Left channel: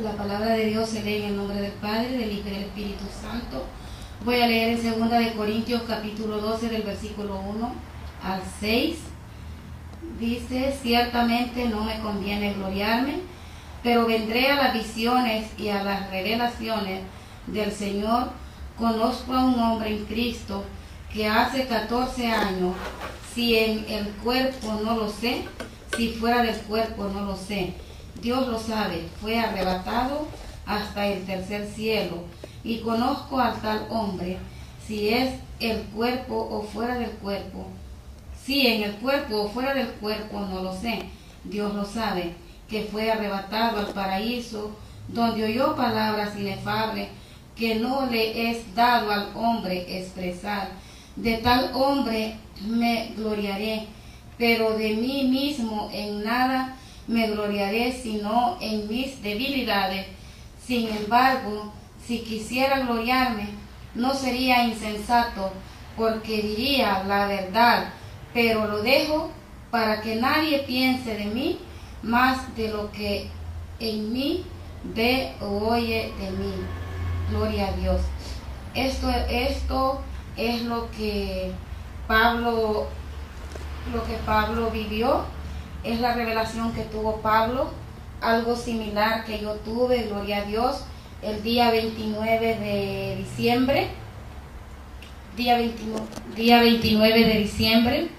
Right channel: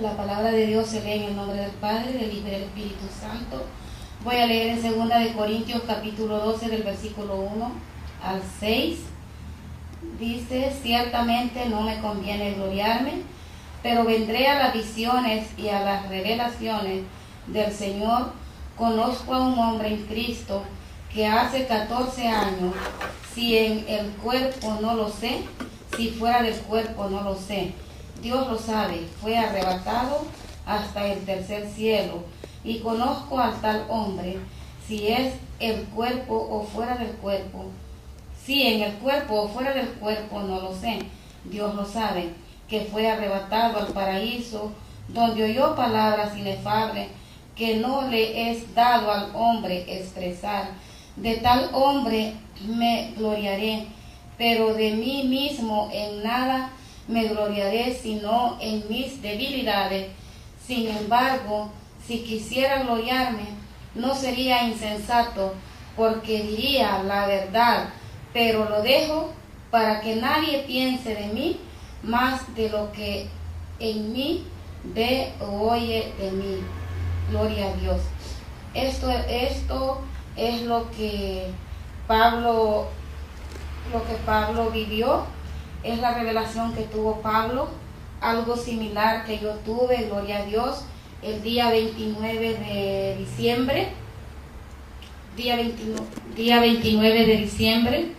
La palabra de Dios se lee en el nombre del Padre, del Hijo y del Espíritu Santo. Voy a leer en 2 de Corintios capítulo 12 del versículo 1 al 6. Dice: ciertamente no me conviene gloriarme, pero vendré a las visiones y a las revelaciones del Señor. Conozco a un hombre en Cristo que hace 14 años, si en el cuerpo no lo sé, si fuera del cuerpo no lo sé, Dios lo sabe, fue arrebatado hasta el tercer cielo. Y conozco al tal hombre, si es el cuerpo o fuera del cuerpo, si en el cuerpo o fuera del cuerpo no lo sé, Dios lo sabe, que fue arrebatado al paraíso, donde oyó palabras inefables que no le es dado al hombre expresar. De tal hombre me gloriaré, pero de mí mismo en nada me gloriaré, sino en mis debilidades. Sin embargo, si quisiera gloriarme, no sería insensato, porque diría la verdad, pero lo dejo para que nadie piense de mí más de lo que en mí ve o oye de mí. Gloria a Dios. Esto es lo que Pablo vivió, es la revelación que tuvo Pablo, algo similar que yo tuve, gloria a Dios, el día 29 de diciembre, día 29 de diciembre,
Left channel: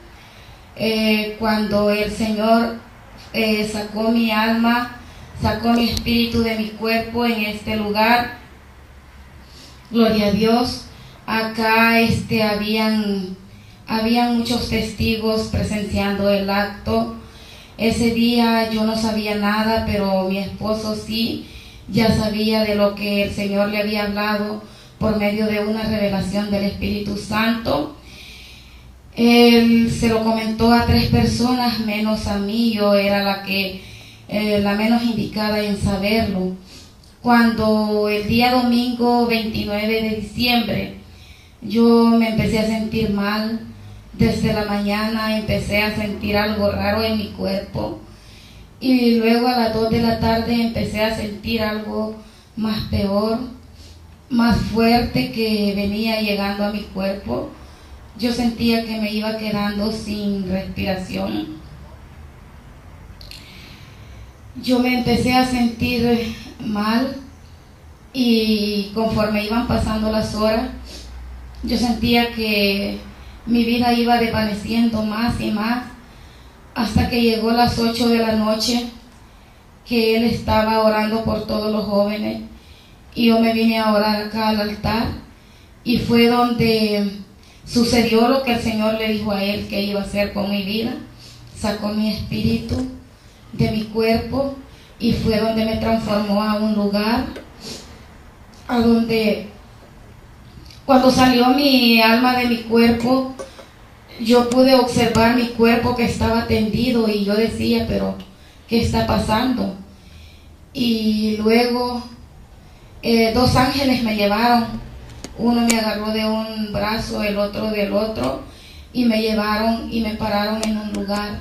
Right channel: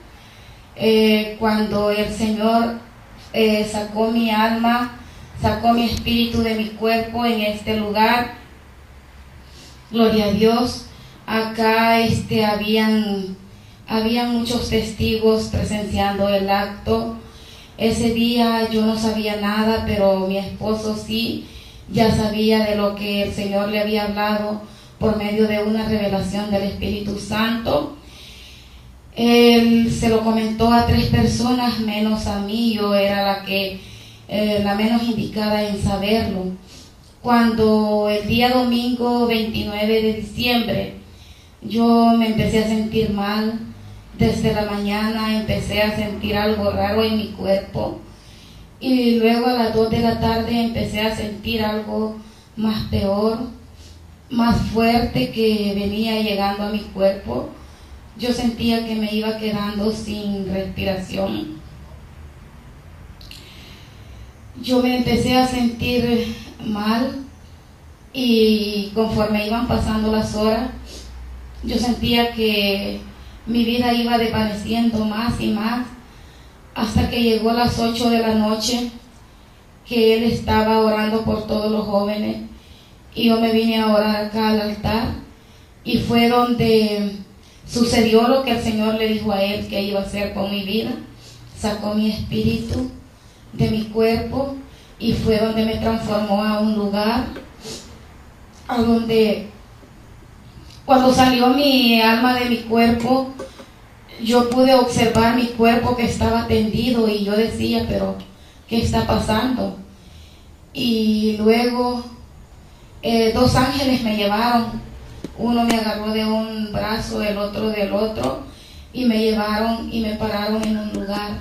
cuando el Señor sacó mi alma, sacó mi espíritu de mi cuerpo en este lugar. Gloria a Dios. Acá habían muchos testigos presenciando el acto. Ese día yo no sabía nada, pero mi esposo sí, ya sabía de lo que el Señor le había hablado por medio de una revelación del Espíritu Santo. Él se lo comentó a 3 personas, menos a mí. Yo era la menos indicada en saberlo. Cuando el día domingo 29 de diciembre yo me empecé a sentir mal, desde la mañana empecé a sentir algo raro en mi cuerpo, y luego a las 2 de la tarde empecé a sentir algo más peor, más fuerte, que venía llegando a mi cuerpo. Yo sentía que me iba quedando sin respiración. Yo me empecé a sentir mal, y conforme iban pasando las horas, yo sentía que mi vida iba desvaneciendo más y más, hasta que llegó las 8 de la noche, que él estaba orando por todos los jóvenes, y yo me vine a orar acá al altar, y fue donde sucedió lo que el Señor le dijo a él que iba a hacer con mi vida. Sacó mi espíritu de mi cuerpo, y fue donde me transformó a un lugar a donde, cuando salió mi alma de mi cuerpo, yo pude observar mi cuerpo que estaba tendido, y yo decía, pero ¿qué está pasando? Y luego 2 ángeles me llevaron. Uno me agarró de un brazo, el otro del otro, y me llevaron y me pararon en un lugar,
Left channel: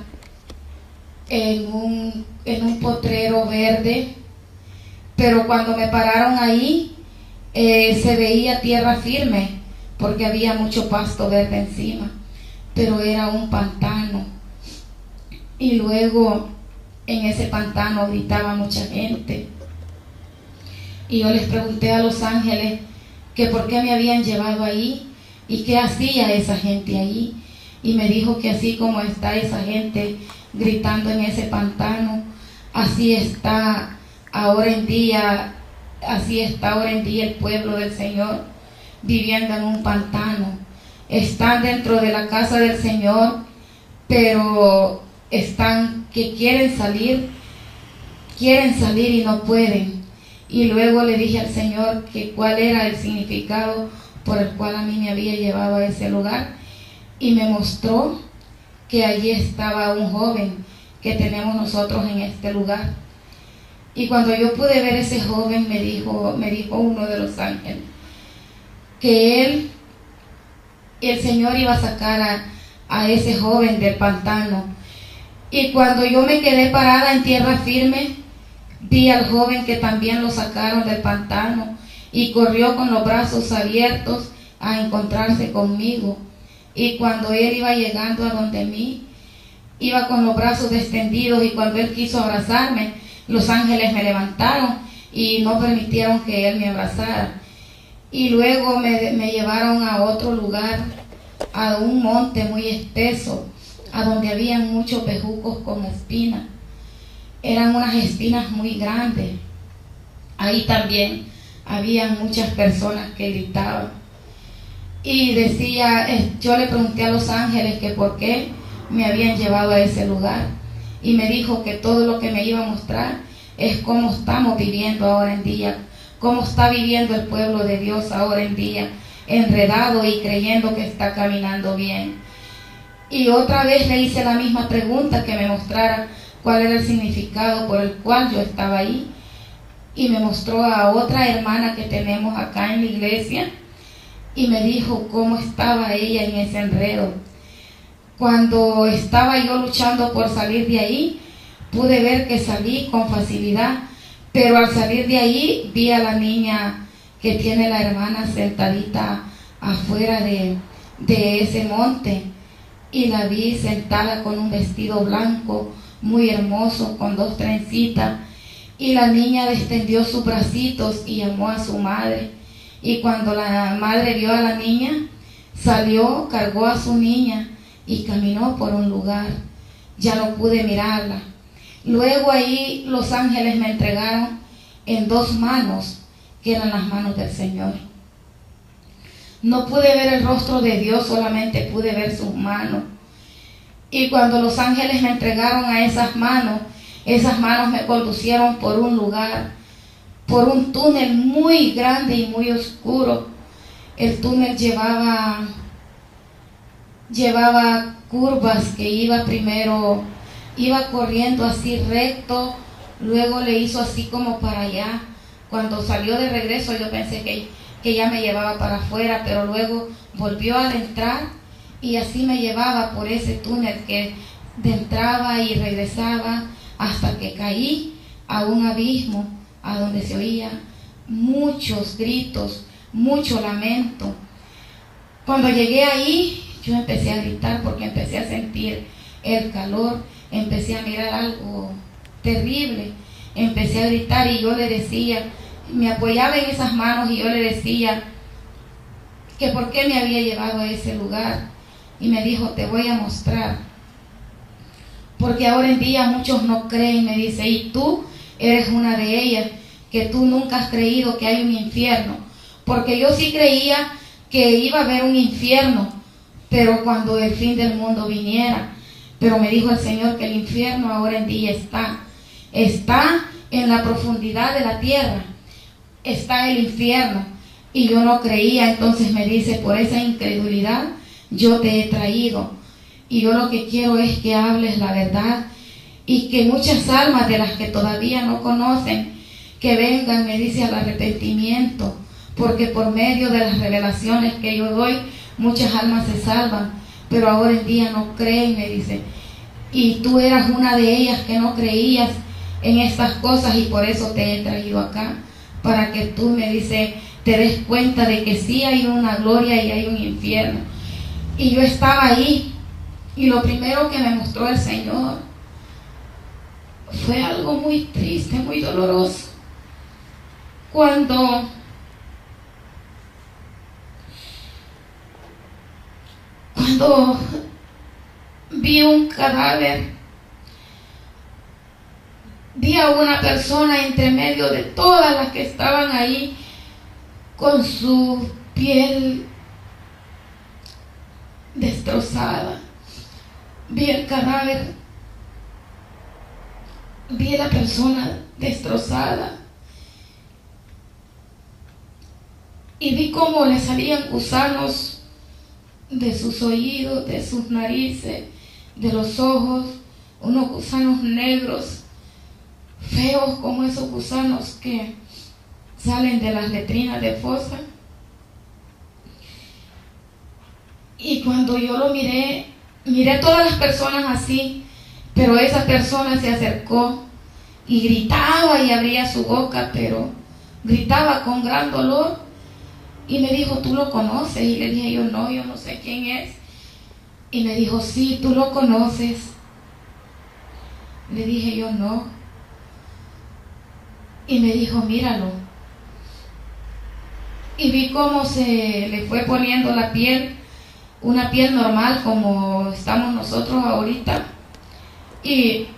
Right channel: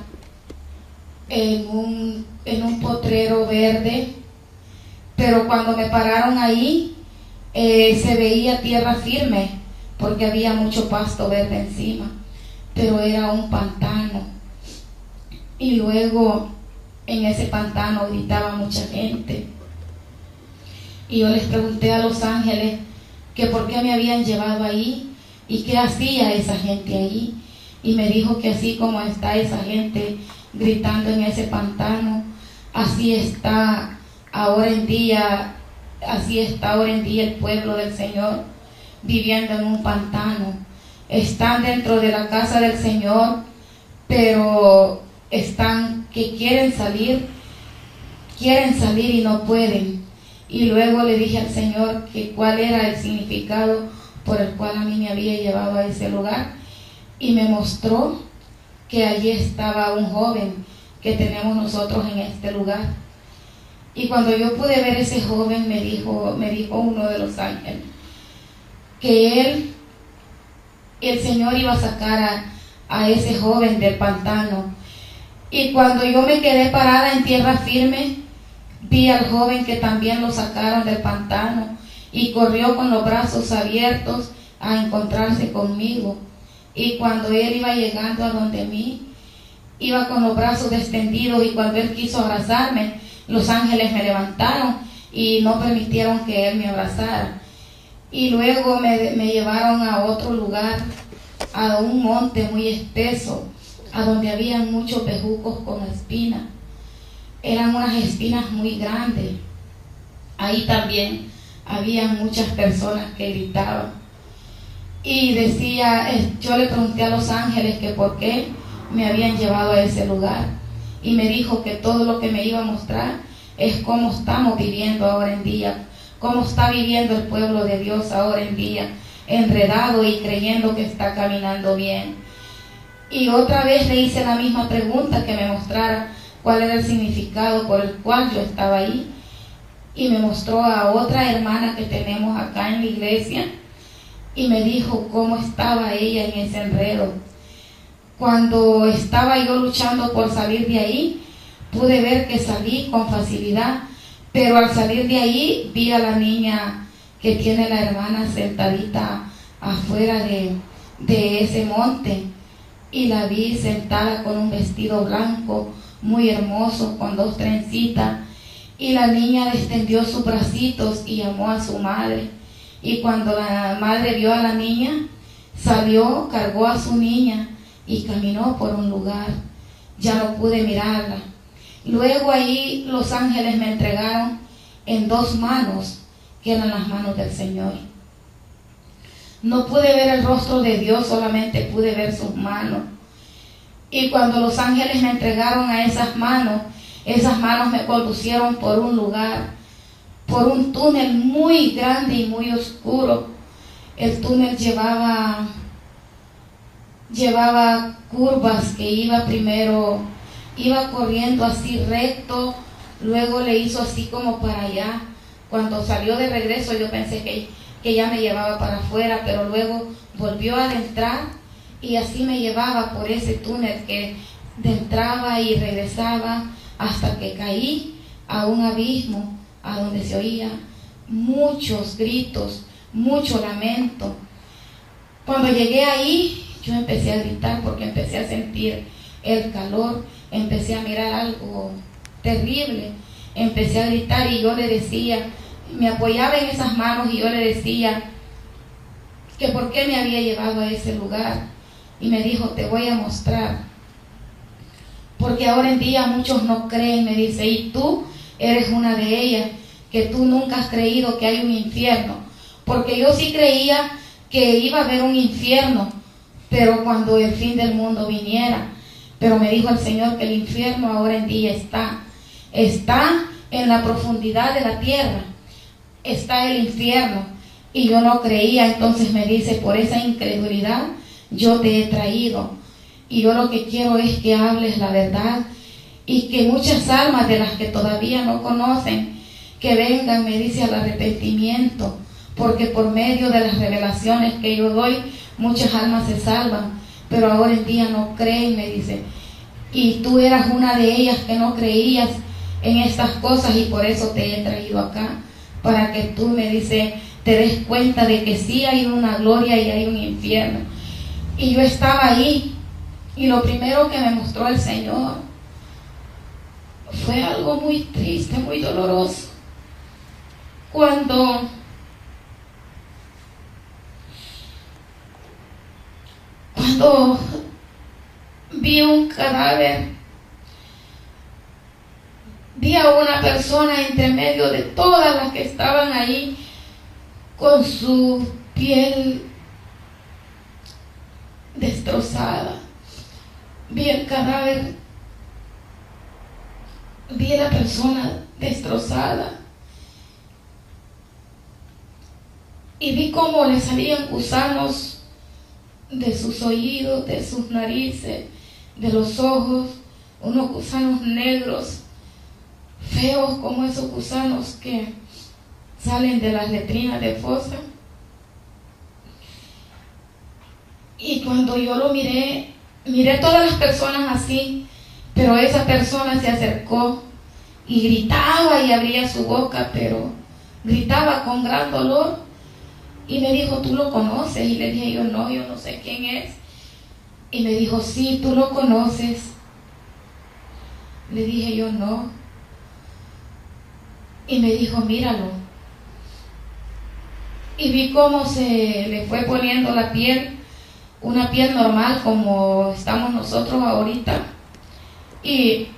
en un potrero verde. Pero cuando me pararon ahí, se veía tierra firme, porque había mucho pasto verde encima, pero era un pantano. Y luego en ese pantano gritaba mucha gente, y yo les pregunté a los ángeles que por qué me habían llevado ahí y qué hacía esa gente ahí, y me dijo que así como está esa gente gritando en ese pantano, así está ahora en día el pueblo del Señor, viviendo en un pantano. Están dentro de la casa del Señor, pero están que quieren salir y no pueden. Y luego le dije al Señor que cuál era el significado por el cual a mí me había llevado a ese lugar, y me mostró que allí estaba un joven que tenemos nosotros en este lugar. Y cuando yo pude ver ese joven, me dijo uno de los ángeles que el Señor iba a sacar a ese joven del pantano. Y cuando yo me quedé parada en tierra firme, Vi al joven que también lo sacaron del pantano y corrió con los brazos abiertos a encontrarse conmigo. Y cuando él iba llegando a donde mí, iba con los brazos extendidos, y cuando él quiso abrazarme, los ángeles me levantaron y no permitieron que él me abrazara. Y luego me llevaron a otro lugar, a un monte muy espeso, a donde había muchos bejucos con espinas. Eran unas espinas muy grandes. Ahí también había muchas personas que gritaban. Y decía, yo le pregunté a los ángeles que por qué me habían llevado a ese lugar. Y me dijo que todo lo que me iba a mostrar es cómo estamos viviendo ahora en día, cómo está viviendo el pueblo de Dios ahora en día, enredado y creyendo que está caminando bien. Y otra vez le hice la misma pregunta, que me mostrara cuál era el significado por el cual yo estaba ahí. Y me mostró a otra hermana que tenemos acá en la iglesia y me dijo cómo estaba ella en ese enredo. Cuando estaba yo luchando por salir de ahí, pude ver que salí con facilidad, pero al salir de ahí vi a la niña que tiene la hermana sentadita afuera de ese monte, y la vi sentada con un vestido blanco muy hermoso con 2 trencitas, y la niña extendió sus bracitos y llamó a su madre. Y cuando la madre vio a la niña, salió, cargó a su niña y caminó por un lugar. Ya no pude mirarla. Luego allí los ángeles me entregaron en 2 manos, que eran las manos del Señor. No pude ver el rostro de Dios, solamente pude ver sus manos. Y cuando los ángeles me entregaron a esas manos me conducieron por un lugar, por un túnel muy grande y muy oscuro. El túnel llevaba curvas, que iba corriendo así recto, luego le hizo así como para allá. Cuando salió de regreso yo pensé que ya me llevaba para afuera, pero luego volvió a entrar y así me llevaba por ese túnel que entraba y regresaba hasta que caí a un abismo, a donde se oía muchos gritos, mucho lamento. Cuando llegué ahí, yo empecé a gritar porque empecé a sentir el calor, empecé a mirar algo terrible, empecé a gritar y yo le decía, me apoyaba en esas manos y yo le decía que por qué me había llevado a ese lugar. Y me dijo, te voy a mostrar. Porque ahora en día muchos no creen, me dice, y tú eres una de ellas, que tú nunca has creído que hay un infierno. Porque yo sí creía que iba a haber un infierno, pero cuando el fin del mundo viniera. Pero me dijo el Señor que el infierno ahora en día está en la profundidad de la tierra, está el infierno. Y yo no creía, entonces me dice, por esa incredulidad yo te he traído. Y yo lo que quiero es que hables la verdad y que muchas almas de las que todavía no conocen, que vengan, me dice, al arrepentimiento, porque por medio de las revelaciones que yo doy, muchas almas se salvan, pero ahora en día no creen, me dice. Y tú eras una de ellas que no creías en estas cosas y por eso te he traído acá, para que tú, me dice, te des cuenta de que sí hay una gloria y hay un infierno. Y yo estaba ahí. Y lo primero que me mostró el Señor fue algo muy triste, muy doloroso. Cuando vi un cadáver, vi a una persona entre medio de todas las que estaban ahí, con su piel destrozada. Vi el cadáver, vi a la persona destrozada y vi cómo le salían gusanos de sus oídos, de sus narices, de los ojos, unos gusanos negros, feos como esos gusanos que salen de las letrinas de fosa. Y cuando yo lo miré todas las personas así, pero esa persona se acercó y gritaba y abría su boca, pero gritaba con gran dolor. Y me dijo, ¿tú lo conoces? Y le dije yo no sé quién es. Y me dijo, sí, tú lo conoces. Le dije yo no. Y me dijo, míralo. Y vi cómo se le fue poniendo la piel, una piel normal como estamos nosotros ahorita. Y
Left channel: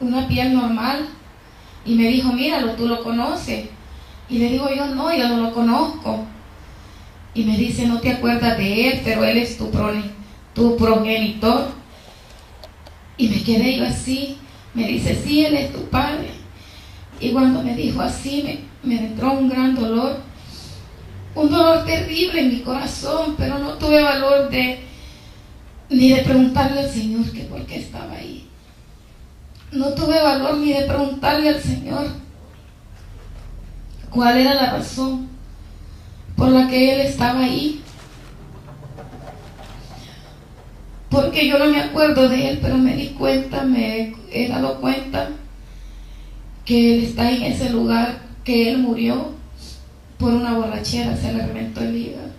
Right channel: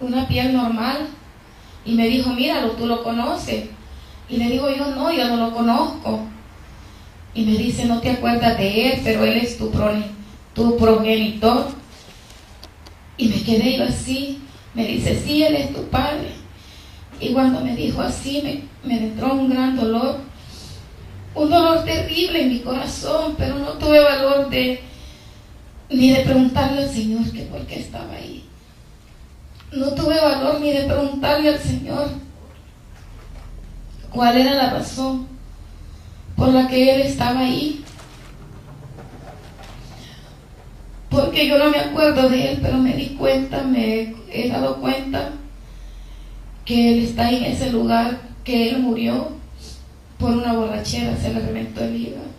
una piel normal. Y me dijo, míralo, tú lo conoces. Y le digo yo no lo conozco. Y me dice, no te acuerdas de él, pero él es tu progenitor. Y me quedé yo así. Me dice, sí, él es tu padre. Y cuando me dijo así, me entró un gran dolor. Un dolor terrible en mi corazón, pero no tuve valor ni de preguntarle al Señor que por qué estaba ahí. No tuve valor ni de preguntarle al Señor cuál era la razón por la que Él estaba ahí. Porque yo no me acuerdo de Él, pero me di cuenta, me he dado cuenta que Él está en ese lugar, que Él murió por una borrachera, se le reventó el hígado.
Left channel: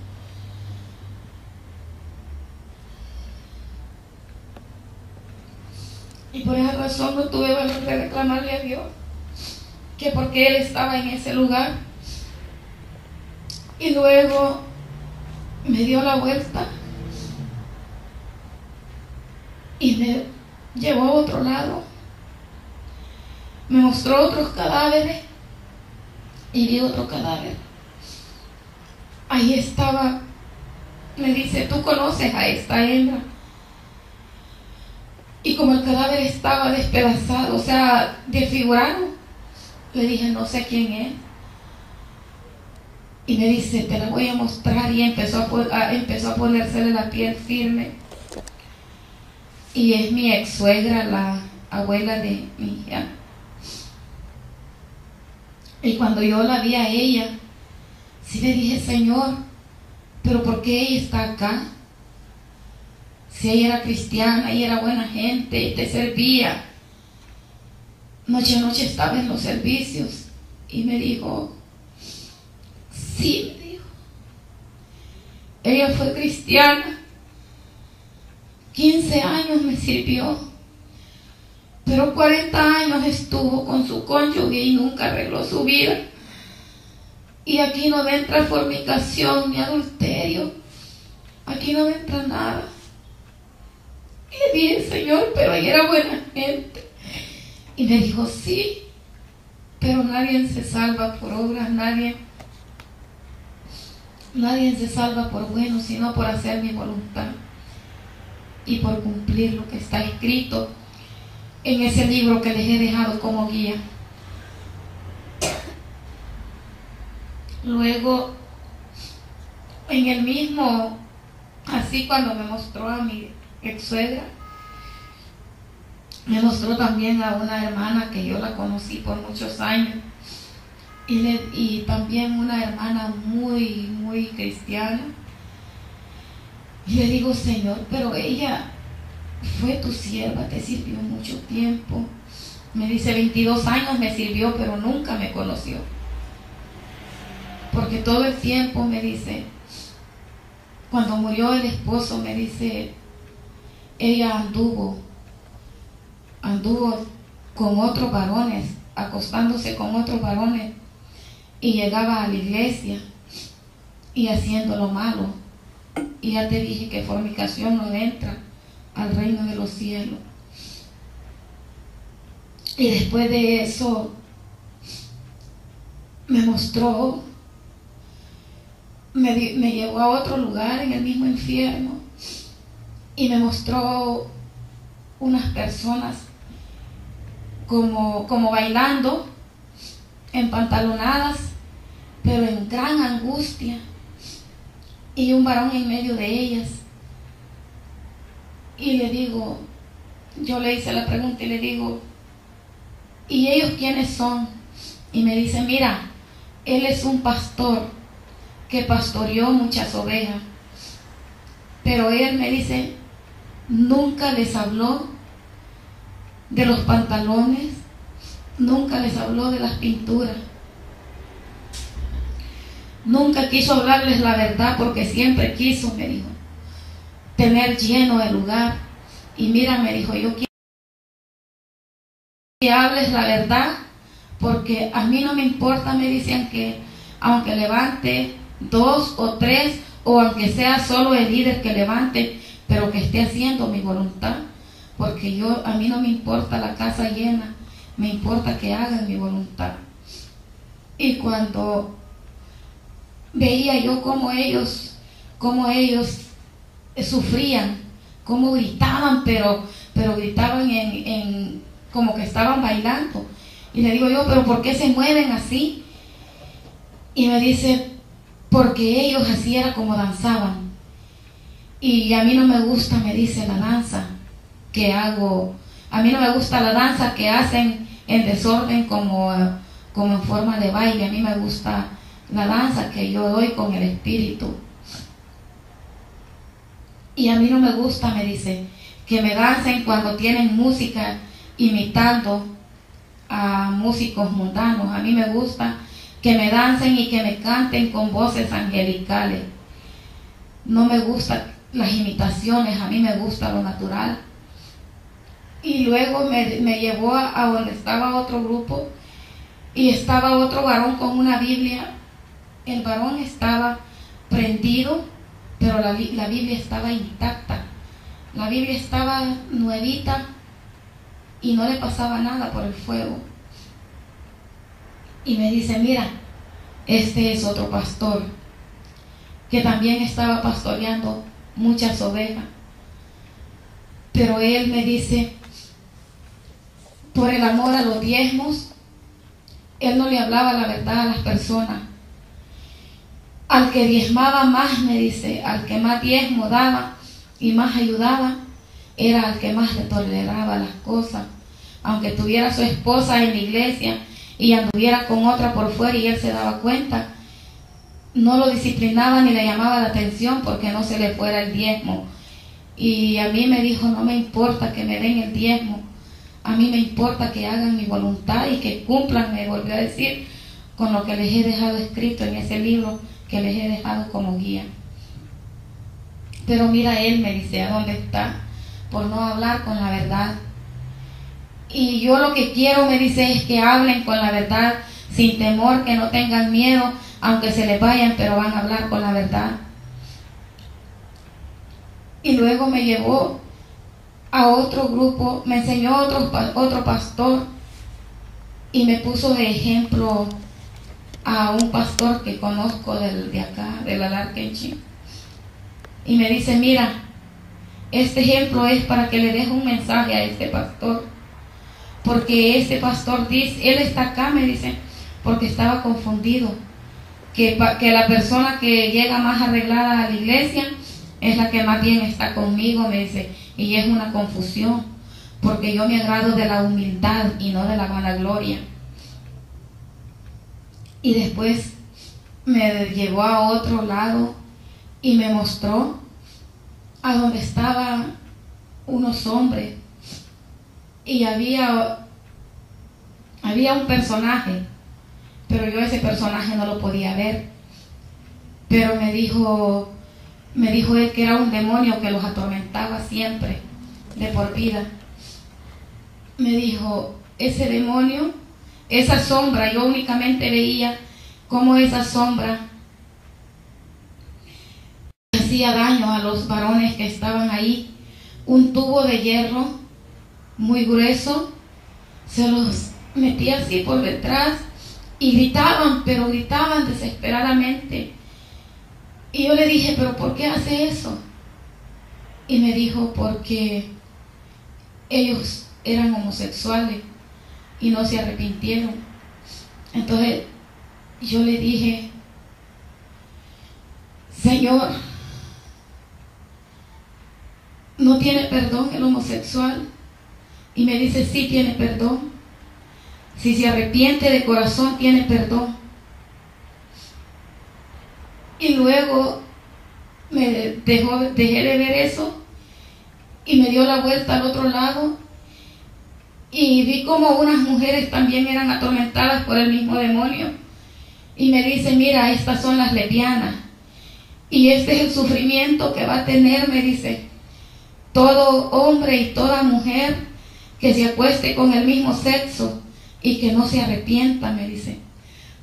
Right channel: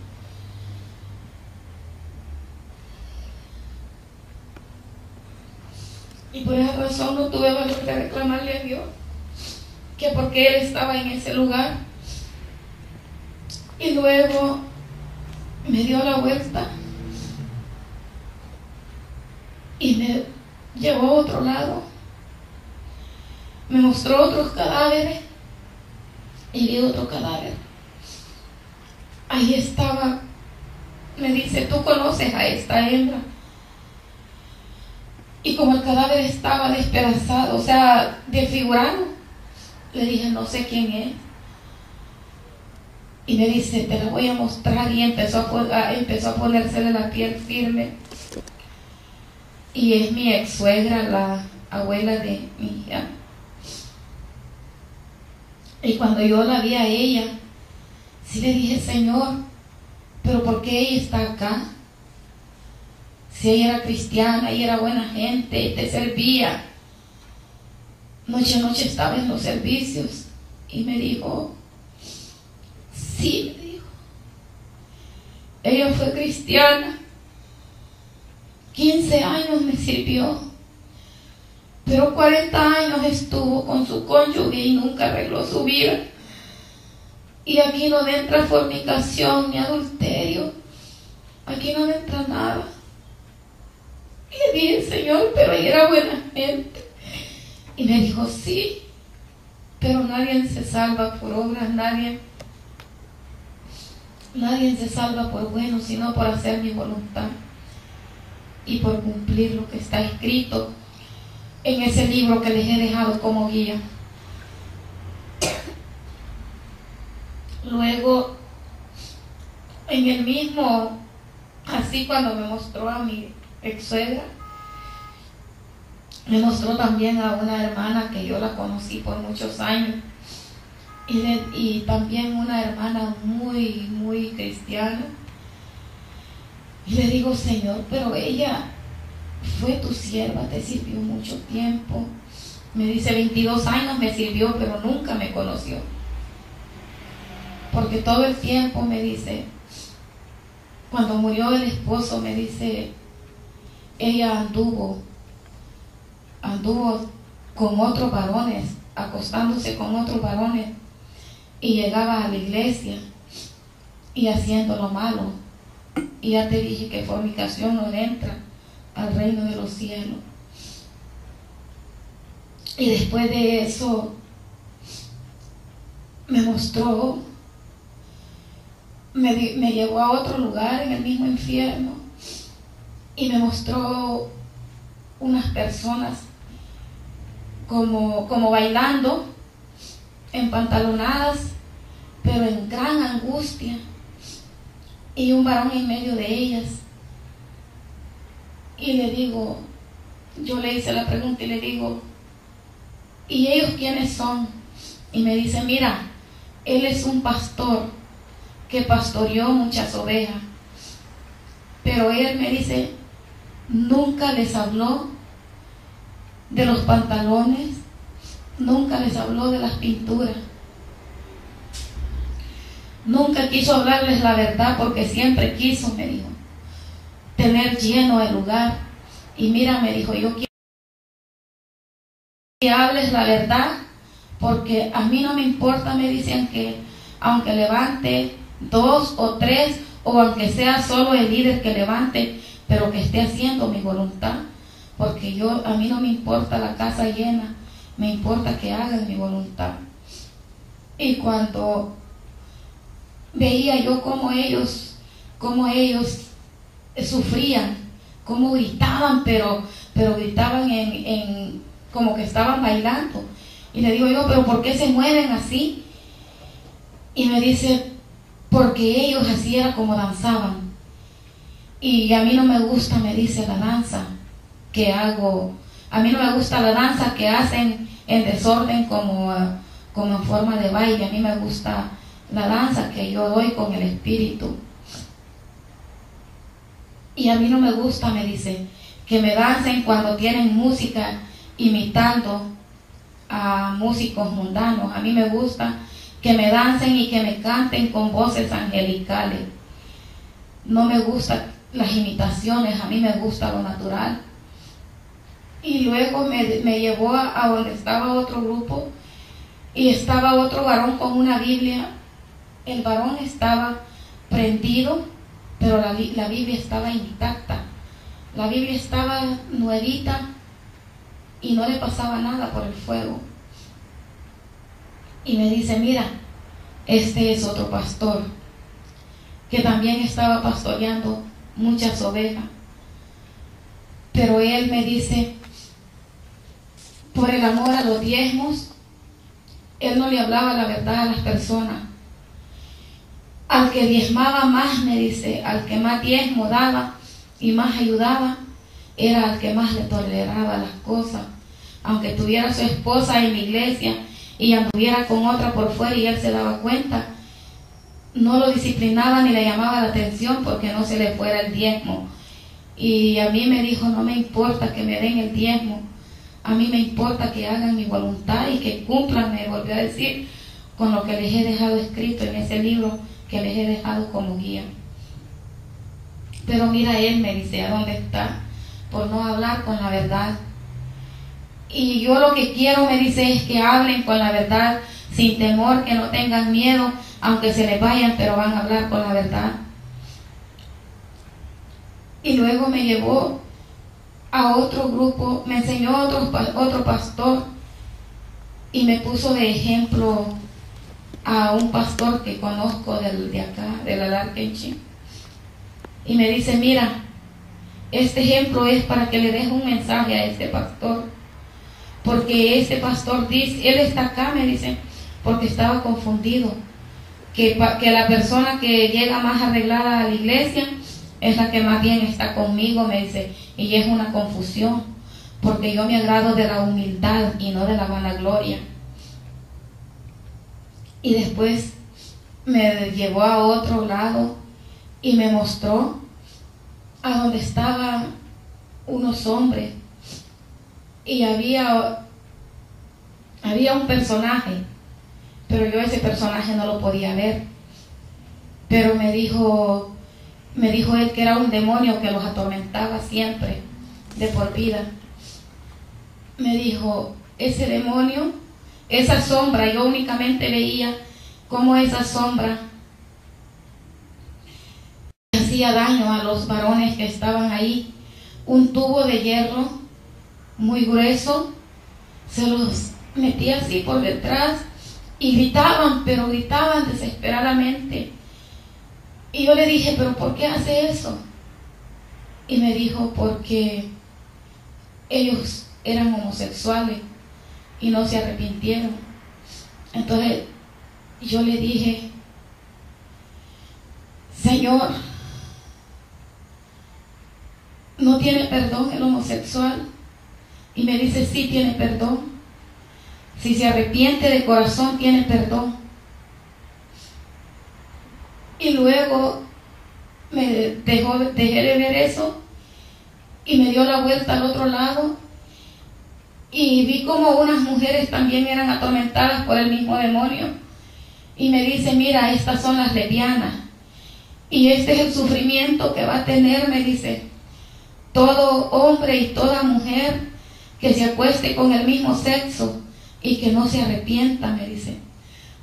Y por esa razón no tuve valor de reclamarle a Dios que porque Él estaba en ese lugar. Y luego me dio la vuelta y me llevó a otro lado. Me mostró otros cadáveres y vi otro cadáver. Ahí estaba, me dice, ¿tú conoces a esta hembra? Y como el cadáver estaba despedazado, o sea, desfigurado, le dije, no sé quién es. Y me dice, te la voy a mostrar. Y empezó a ponérsele la piel firme. Y es mi ex suegra, la abuela de mi hija. Y cuando yo la vi a ella, sí le dije, Señor, pero ¿por qué ella está acá? Si ella era cristiana, ella era buena gente, te servía. Noche a noche estaba en los servicios. Y me dijo, sí, me dijo. Ella fue cristiana. 15 años me sirvió. Pero 40 años estuvo con su cónyuge y nunca arregló su vida. Y aquí no entra fornicación ni adulterio. Aquí no entra nada. Y le dije, Señor, pero ella era buena gente. Y me dijo, sí, pero nadie se salva por obras, nadie se salva por bueno, sino por hacer mi voluntad y por cumplir lo que está escrito en ese libro que les he dejado como guía. Luego, en el mismo, así cuando me mostró a mi ex suegra, me mostró también a una hermana que yo la conocí por muchos años y también una hermana muy, muy cristiana. Y le digo, Señor, pero ella fue tu sierva, te sirvió mucho tiempo. Me dice, 22 años me sirvió, pero nunca me conoció. Porque todo el tiempo, me dice, cuando murió el esposo, me dice, ella anduvo con otros varones, acostándose con otros varones, y llegaba a la iglesia y haciendo lo malo. Y ya te dije que fornicación no entra al reino de los cielos. Y después de eso me mostró, me llevó a otro lugar en el mismo infierno y me mostró unas personas como bailando, empantalonadas, pero en gran angustia, y un varón en medio de ellas. Y le digo, yo le hice la pregunta y le digo, ¿y ellos quiénes son? Y me dice, mira, él es un pastor que pastoreó muchas ovejas, pero él, me dice, nunca les habló de los pantalones, nunca les habló de las pinturas. Nunca quiso hablarles la verdad porque siempre quiso, me dijo, tener lleno el lugar. Y mira, me dijo, yo quiero que hables la verdad porque a mí no me importa, me dicen, que aunque levante 2 o 3 o aunque sea solo el líder que levante, pero que esté haciendo mi voluntad, porque a mí no me importa la casa llena, me importa que hagan mi voluntad. Y cuando veía yo cómo ellos sufrían, cómo gritaban, pero gritaban en como que estaban bailando. Y le digo yo, pero ¿por qué se mueven así? Y me dice, porque ellos así era como danzaban. Y a mí no me gusta, me dice, la danza que hago. A mí no me gusta la danza que hacen en desorden como en forma de baile. A mí me gusta la danza que yo doy con el espíritu. Y a mí no me gusta, me dice, que me dancen cuando tienen música imitando a músicos mundanos. A mí me gusta que me dancen y que me canten con voces angelicales. No me gustan las imitaciones, a mí me gusta lo natural. Y luego me llevó a donde estaba otro grupo y estaba otro varón con una Biblia. El varón estaba prendido, pero la Biblia estaba intacta. La Biblia estaba nuevita y no le pasaba nada por el fuego. Y me dice, mira, este es otro pastor que también estaba pastoreando muchas ovejas. Pero él me dice, por el amor a los diezmos, él no le hablaba la verdad a las personas. Al que diezmaba más, me dice, al que más diezmo daba y más ayudaba, era al que más le toleraba las cosas. Aunque tuviera su esposa en la iglesia y anduviera con otra por fuera y él se daba cuenta, no lo disciplinaba ni le llamaba la atención porque no se le fuera el diezmo. Y a mí me dijo, no me importa que me den el diezmo, a mí me importa que hagan mi voluntad y que cumplan, me volvió a decir, con lo que les he dejado escrito en ese libro que les he dejado como guía. Pero mira, él me dice, ¿a dónde está? Por no hablar con la verdad. Y yo lo que quiero, me dice, es que hablen con la verdad, sin temor, que no tengan miedo, aunque se les vayan, pero van a hablar con la verdad. Y luego me llevó a otro grupo, me enseñó otro pastor y me puso de ejemplo a un pastor que conozco de acá, de la Larkenchi. Y me dice, mira, este ejemplo es para que le deje un mensaje a este pastor, porque este pastor dice, él está acá, me dice, porque estaba confundido, que la persona que llega más arreglada a la iglesia es la que más bien está conmigo, me dice, y es una confusión, porque yo me agrado de la humildad y no de la vanagloria. Y después me llevó a otro lado y me mostró a donde estaban unos hombres y había un personaje, pero yo ese personaje no lo podía ver. Pero me dijo él que era un demonio que los atormentaba siempre, de por vida. Me dijo, ese demonio, esa sombra, yo únicamente veía cómo esa sombra hacía daño a los varones que estaban ahí. Un tubo de hierro muy grueso se los metía así por detrás y gritaban, pero gritaban desesperadamente. Y yo le dije, ¿pero por qué hace eso? Y me dijo, porque ellos eran homosexuales y no se arrepintieron. Entonces yo le dije, Señor, ¿no tiene perdón el homosexual? Y me dice, sí tiene perdón. Si se arrepiente de corazón, tiene perdón. Y luego me dejé de ver eso y me dio la vuelta al otro lado y vi como unas mujeres también eran atormentadas por el mismo demonio. Y me dice, mira, estas son las lesbianas. Y este es el sufrimiento que va a tener, me dice, todo hombre y toda mujer que se acueste con el mismo sexo y que no se arrepienta, me dice.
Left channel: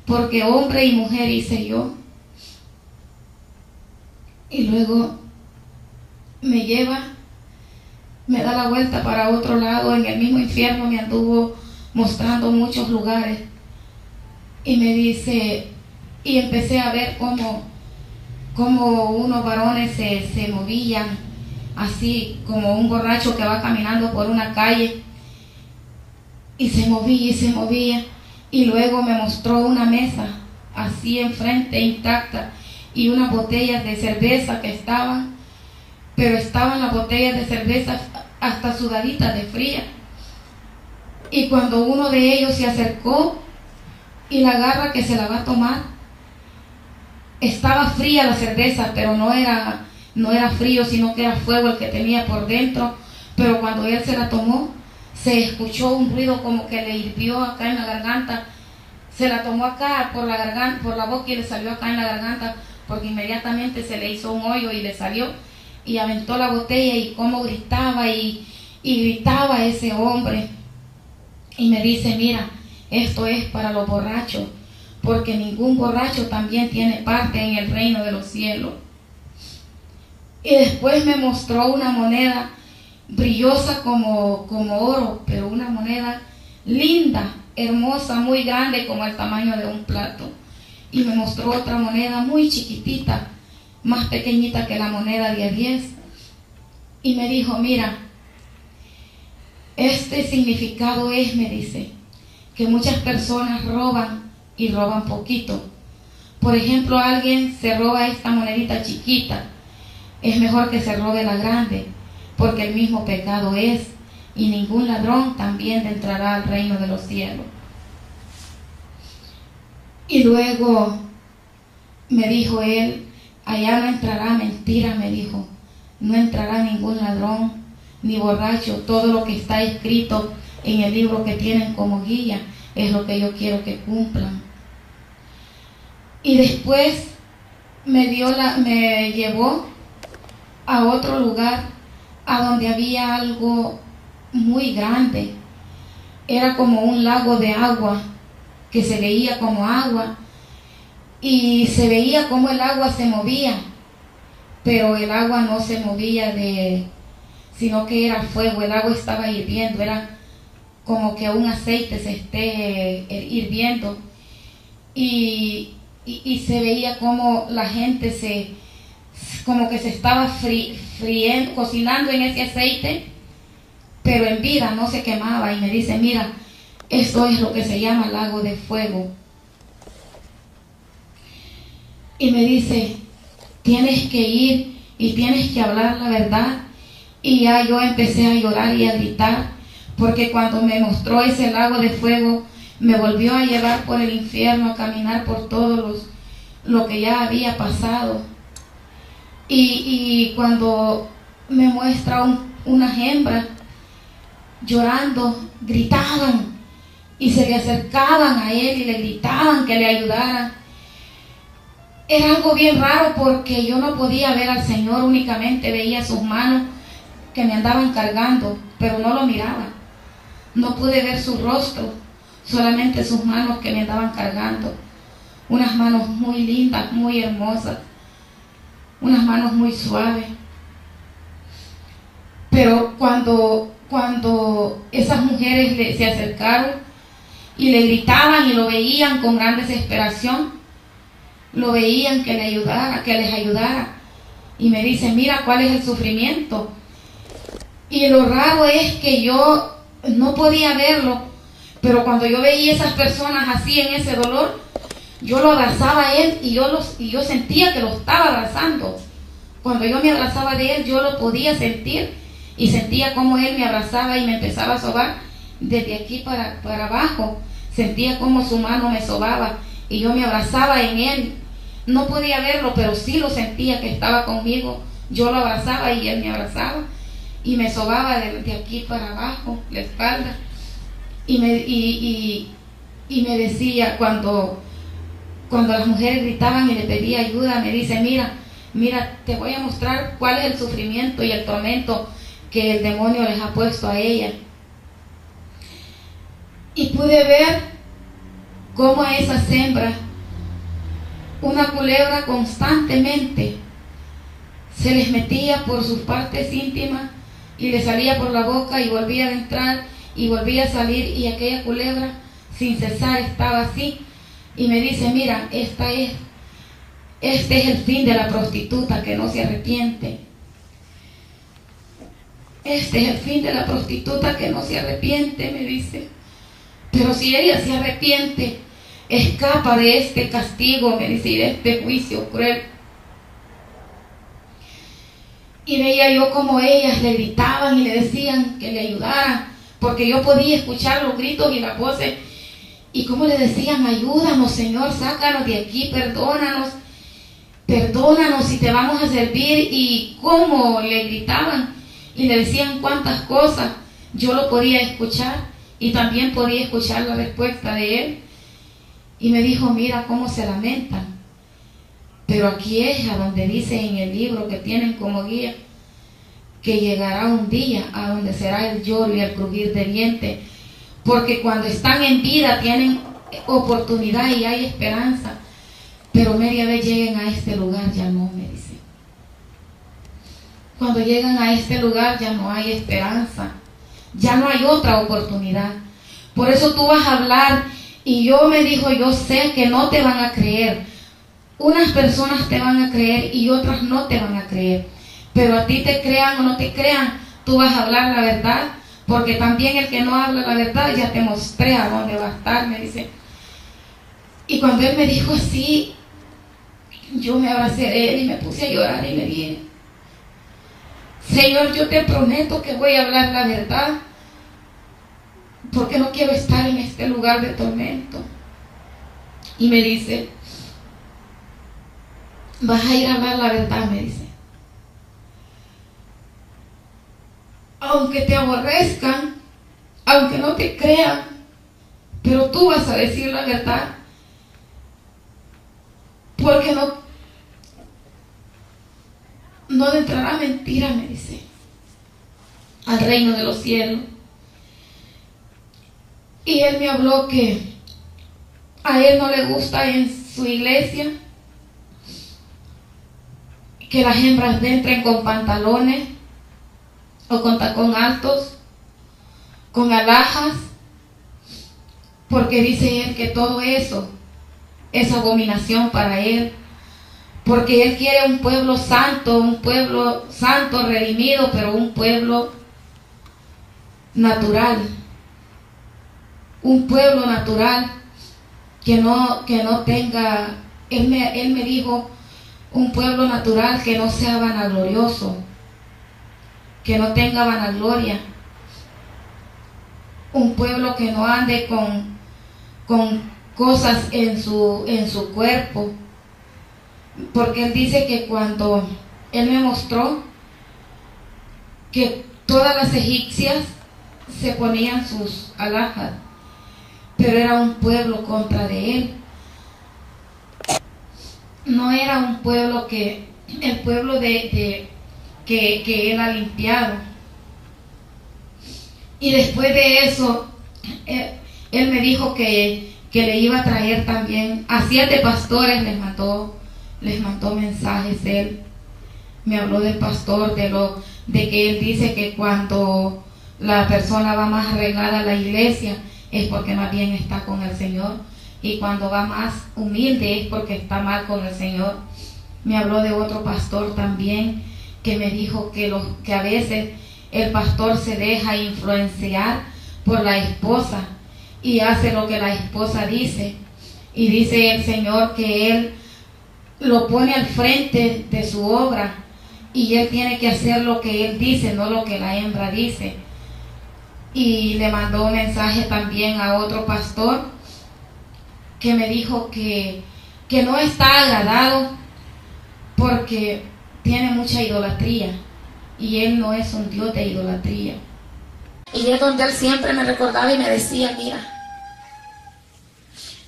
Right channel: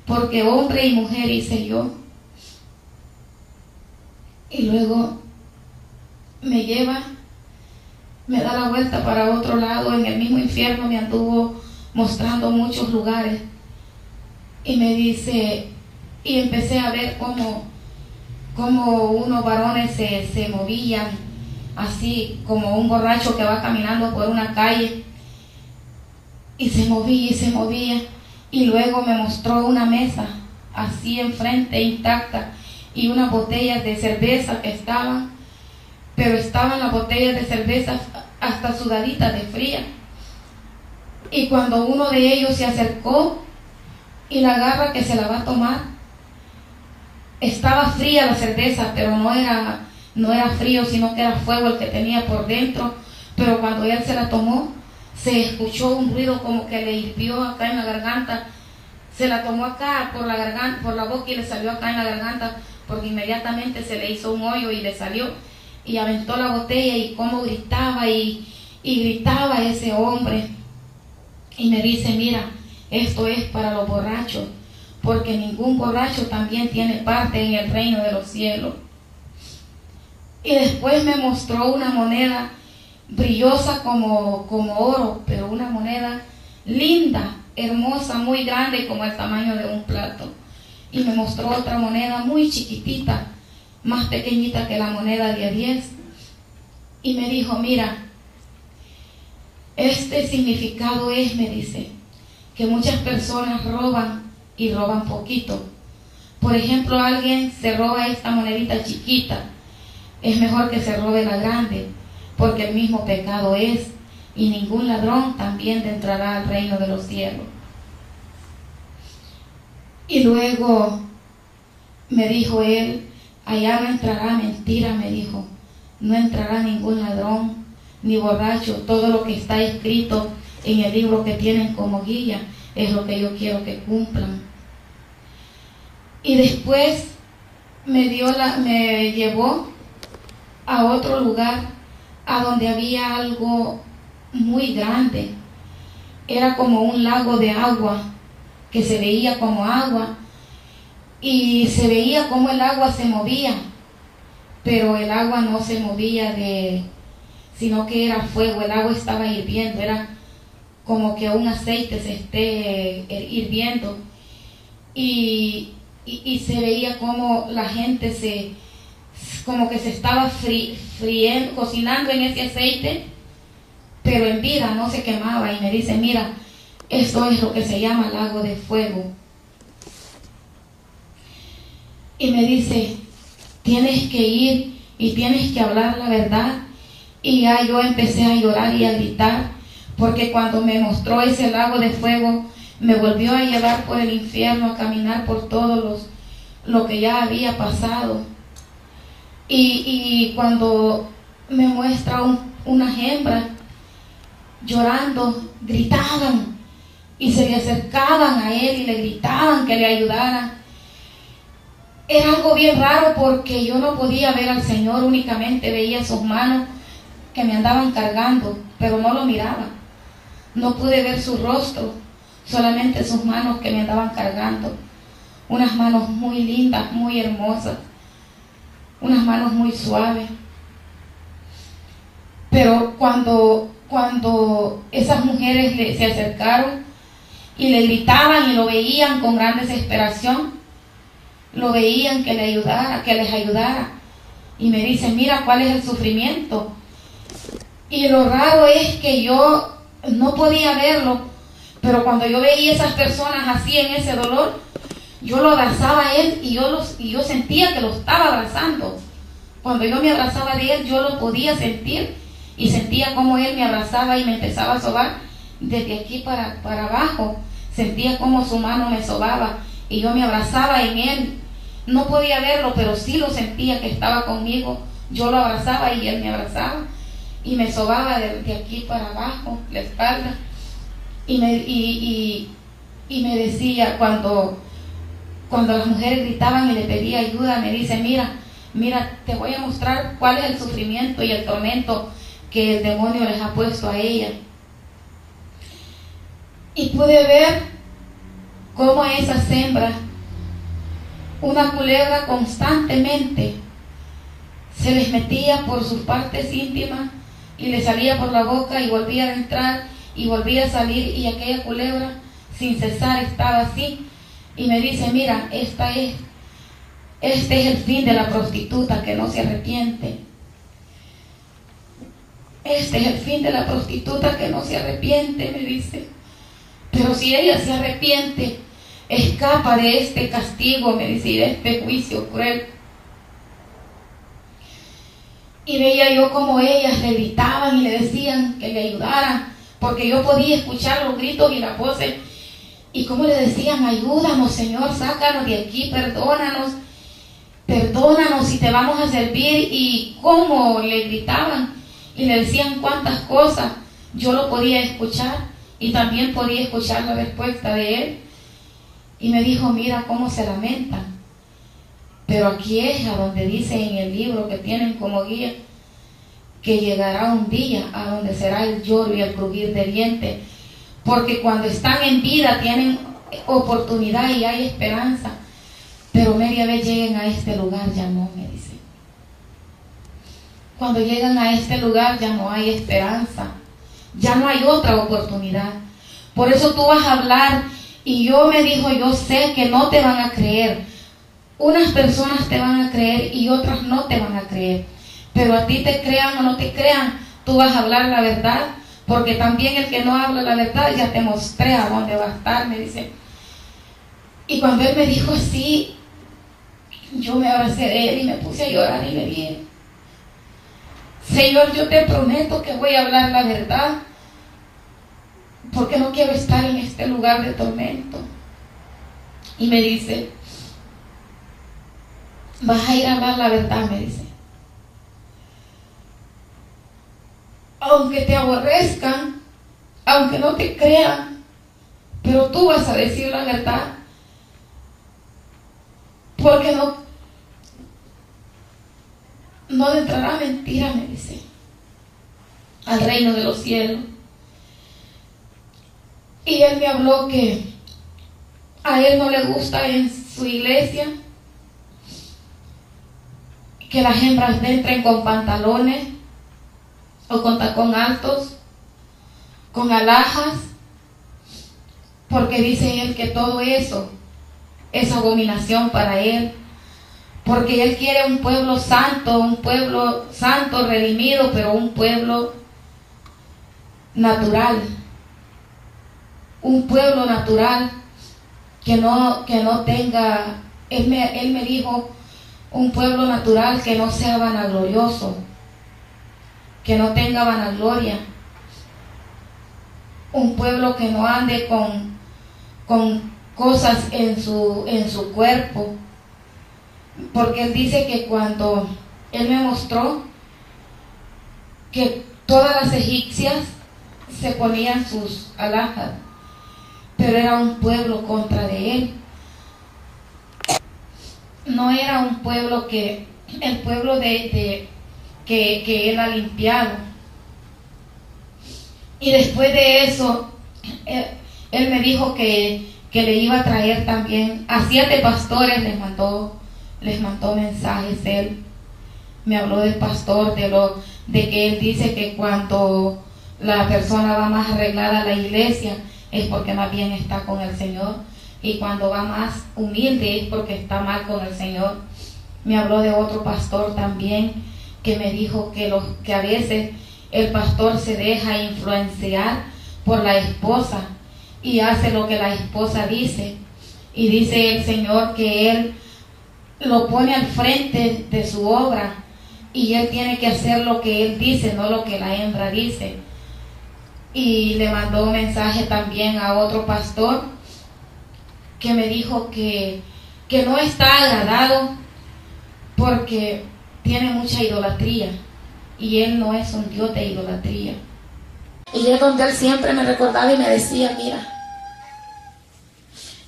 Porque hombre y mujer hice yo. Y luego me lleva, me da la vuelta para otro lado, en el mismo infierno me anduvo mostrando muchos lugares. Y me dice, y empecé a ver cómo unos varones se movían, así como un borracho que va caminando por una calle, y se movía, y luego me mostró una mesa, así enfrente, intacta, y unas botellas de cerveza que estaban, pero estaban las botellas de cerveza hasta sudaditas de fría. Y cuando uno de ellos se acercó y la agarra que se la va a tomar, estaba fría la cerveza, pero no era frío, sino que era fuego el que tenía por dentro. Pero cuando él se la tomó, se escuchó un ruido como que le hirvió acá en la garganta. Se la tomó acá por la garganta, por la boca, y le salió acá en la garganta, porque inmediatamente se le hizo un hoyo y le salió, y aventó la botella, y cómo gritaba y gritaba ese hombre. Y me dice, mira, esto es para los borrachos, porque ningún borracho también tiene parte en el reino de los cielos. Y después me mostró una moneda brillosa como oro, pero una moneda linda, hermosa, muy grande, como el tamaño de un plato. Y me mostró otra moneda muy chiquitita, más pequeñita que la moneda de 10. Y me dijo, mira, este significado es, me dice, que muchas personas roban y roban poquito. Por ejemplo, alguien se roba esta monedita chiquita, es mejor que se robe la grande, porque el mismo pecado es, y ningún ladrón también entrará al reino de los cielos. Y luego me dijo él, allá no entrará mentira, me dijo, no entrará ningún ladrón ni borracho, todo lo que está escrito en el libro que tienen como guía es lo que yo quiero que cumplan. Y después me llevó a otro lugar, a donde había algo muy grande. Era como un lago de agua, que se veía como agua, y se veía como el agua se movía, pero el agua no se movía sino que era fuego, el agua estaba hirviendo, era como que un aceite se esté hirviendo, y se veía como la gente como que se estaba friendo, cocinando en ese aceite, pero en vida, no se quemaba. Y me dice, mira, esto es lo que se llama lago de fuego. Y me dice, tienes que ir y tienes que hablar la verdad. Y ya yo empecé a llorar y a gritar, porque cuando me mostró ese lago de fuego, me volvió a llevar por el infierno, a caminar por todo lo que ya había pasado. Y cuando me muestra unas hembras llorando, gritaban y se le acercaban a él y le gritaban que le ayudaran. Era algo bien raro, porque yo no podía ver al Señor, únicamente veía sus manos que me andaban cargando, pero no lo miraba. No pude ver su rostro, solamente sus manos que me andaban cargando. Unas manos muy lindas, muy hermosas, unas manos muy suaves. Pero cuando esas mujeres se acercaron y le gritaban y lo veían con gran desesperación, lo veían que les ayudara. Y me dicen, mira cuál es el sufrimiento. Y lo raro es que yo no podía verlo, pero cuando yo veía esas personas así en ese dolor, yo lo abrazaba a él y yo sentía que lo estaba abrazando. Cuando yo me abrazaba de él, yo lo podía sentir y sentía como él me abrazaba y me empezaba a sobar desde aquí para abajo. Sentía como su mano me sobaba y yo me abrazaba en él. No podía verlo, pero sí lo sentía que estaba conmigo. Yo lo abrazaba y él me abrazaba y me sobaba de aquí para abajo, la espalda. y me decía, cuando las mujeres gritaban y le pedía ayuda, me dice, mira, te voy a mostrar cuál es el sufrimiento y el tormento que el demonio les ha puesto a ella. Y pude ver cómo a esas hembras una culebra constantemente se les metía por sus partes íntimas y les salía por la boca y volvía a entrar y volvía a salir, y aquella culebra sin cesar estaba así. Y me dice, mira, este es el fin de la prostituta que no se arrepiente. Este es el fin de la prostituta que no se arrepiente, me dice. Pero si ella se arrepiente, escapa de este castigo, me dice, y de este juicio cruel. Y veía yo como ellas le gritaban y le decían que le ayudaran, porque yo podía escuchar los gritos y las voces, y como le decían, ayúdanos, Señor, sácanos de aquí, perdónanos y te vamos a servir. Y cómo le gritaban y le decían cuántas cosas, yo lo podía escuchar, y también podía escuchar la respuesta de él. Y me dijo, mira cómo se lamentan. Pero aquí es a donde dice en el libro que tienen como guía que llegará un día a donde será el lloro y el crujir de dientes, porque cuando están en vida tienen oportunidad y hay esperanza, pero media vez lleguen a este lugar ya no, me dice. Cuando llegan a este lugar ya no hay esperanza, ya no hay otra oportunidad. Por eso tú vas a hablar, y yo me dijo, yo sé que no te van a creer. Unas personas te van a creer y otras no te van a creer. Pero a ti te crean o no te crean, tú vas a hablar la verdad, porque también el que no habla la verdad ya te mostré a dónde va a estar, me dice. Y cuando él me dijo así, yo me abracé de él y me puse a llorar y le dije, Señor, yo te prometo que voy a hablar la verdad, porque no quiero estar en este lugar de tormento. Y me dice, vas a ir a hablar la verdad, me dice. Aunque te aborrezcan, aunque no te crean, pero tú vas a decir la verdad, porque no entrará mentira, me dice, al reino de los cielos. Y él me habló que a él no le gusta en su iglesia que las hembras entren con pantalones o con tacón altos, con alhajas, porque dice él que todo eso es abominación para él, porque él quiere un pueblo santo redimido, pero un pueblo natural, un pueblo natural que no tenga, él me dijo, un pueblo natural que no sea vanaglorioso, que no tenga vanagloria, un pueblo que no ande con cosas en su cuerpo, porque él dice que cuando él me mostró que todas las egipcias se ponían sus alhajas, pero era un pueblo contra de él, no era un pueblo el pueblo que él ha limpiado. Y después de eso, él me dijo que le iba a traer también a 7 pastores, les mandó mensajes. Él me habló del pastor, de que él dice que cuando la persona va más arreglada a la iglesia es porque más bien está con el Señor, y cuando va más humilde es porque está mal con el Señor. Me habló de otro pastor también que me dijo que a veces el pastor se deja influenciar por la esposa y hace lo que la esposa dice, y dice el Señor que él lo pone al frente de su obra y él tiene que hacer lo que él dice, no lo que la hembra dice. Y le mandó un mensaje también a otro pastor que me dijo que no está agradado porque tiene mucha idolatría, y él no es un Dios de idolatría. Y es donde él siempre me recordaba y me decía, mira,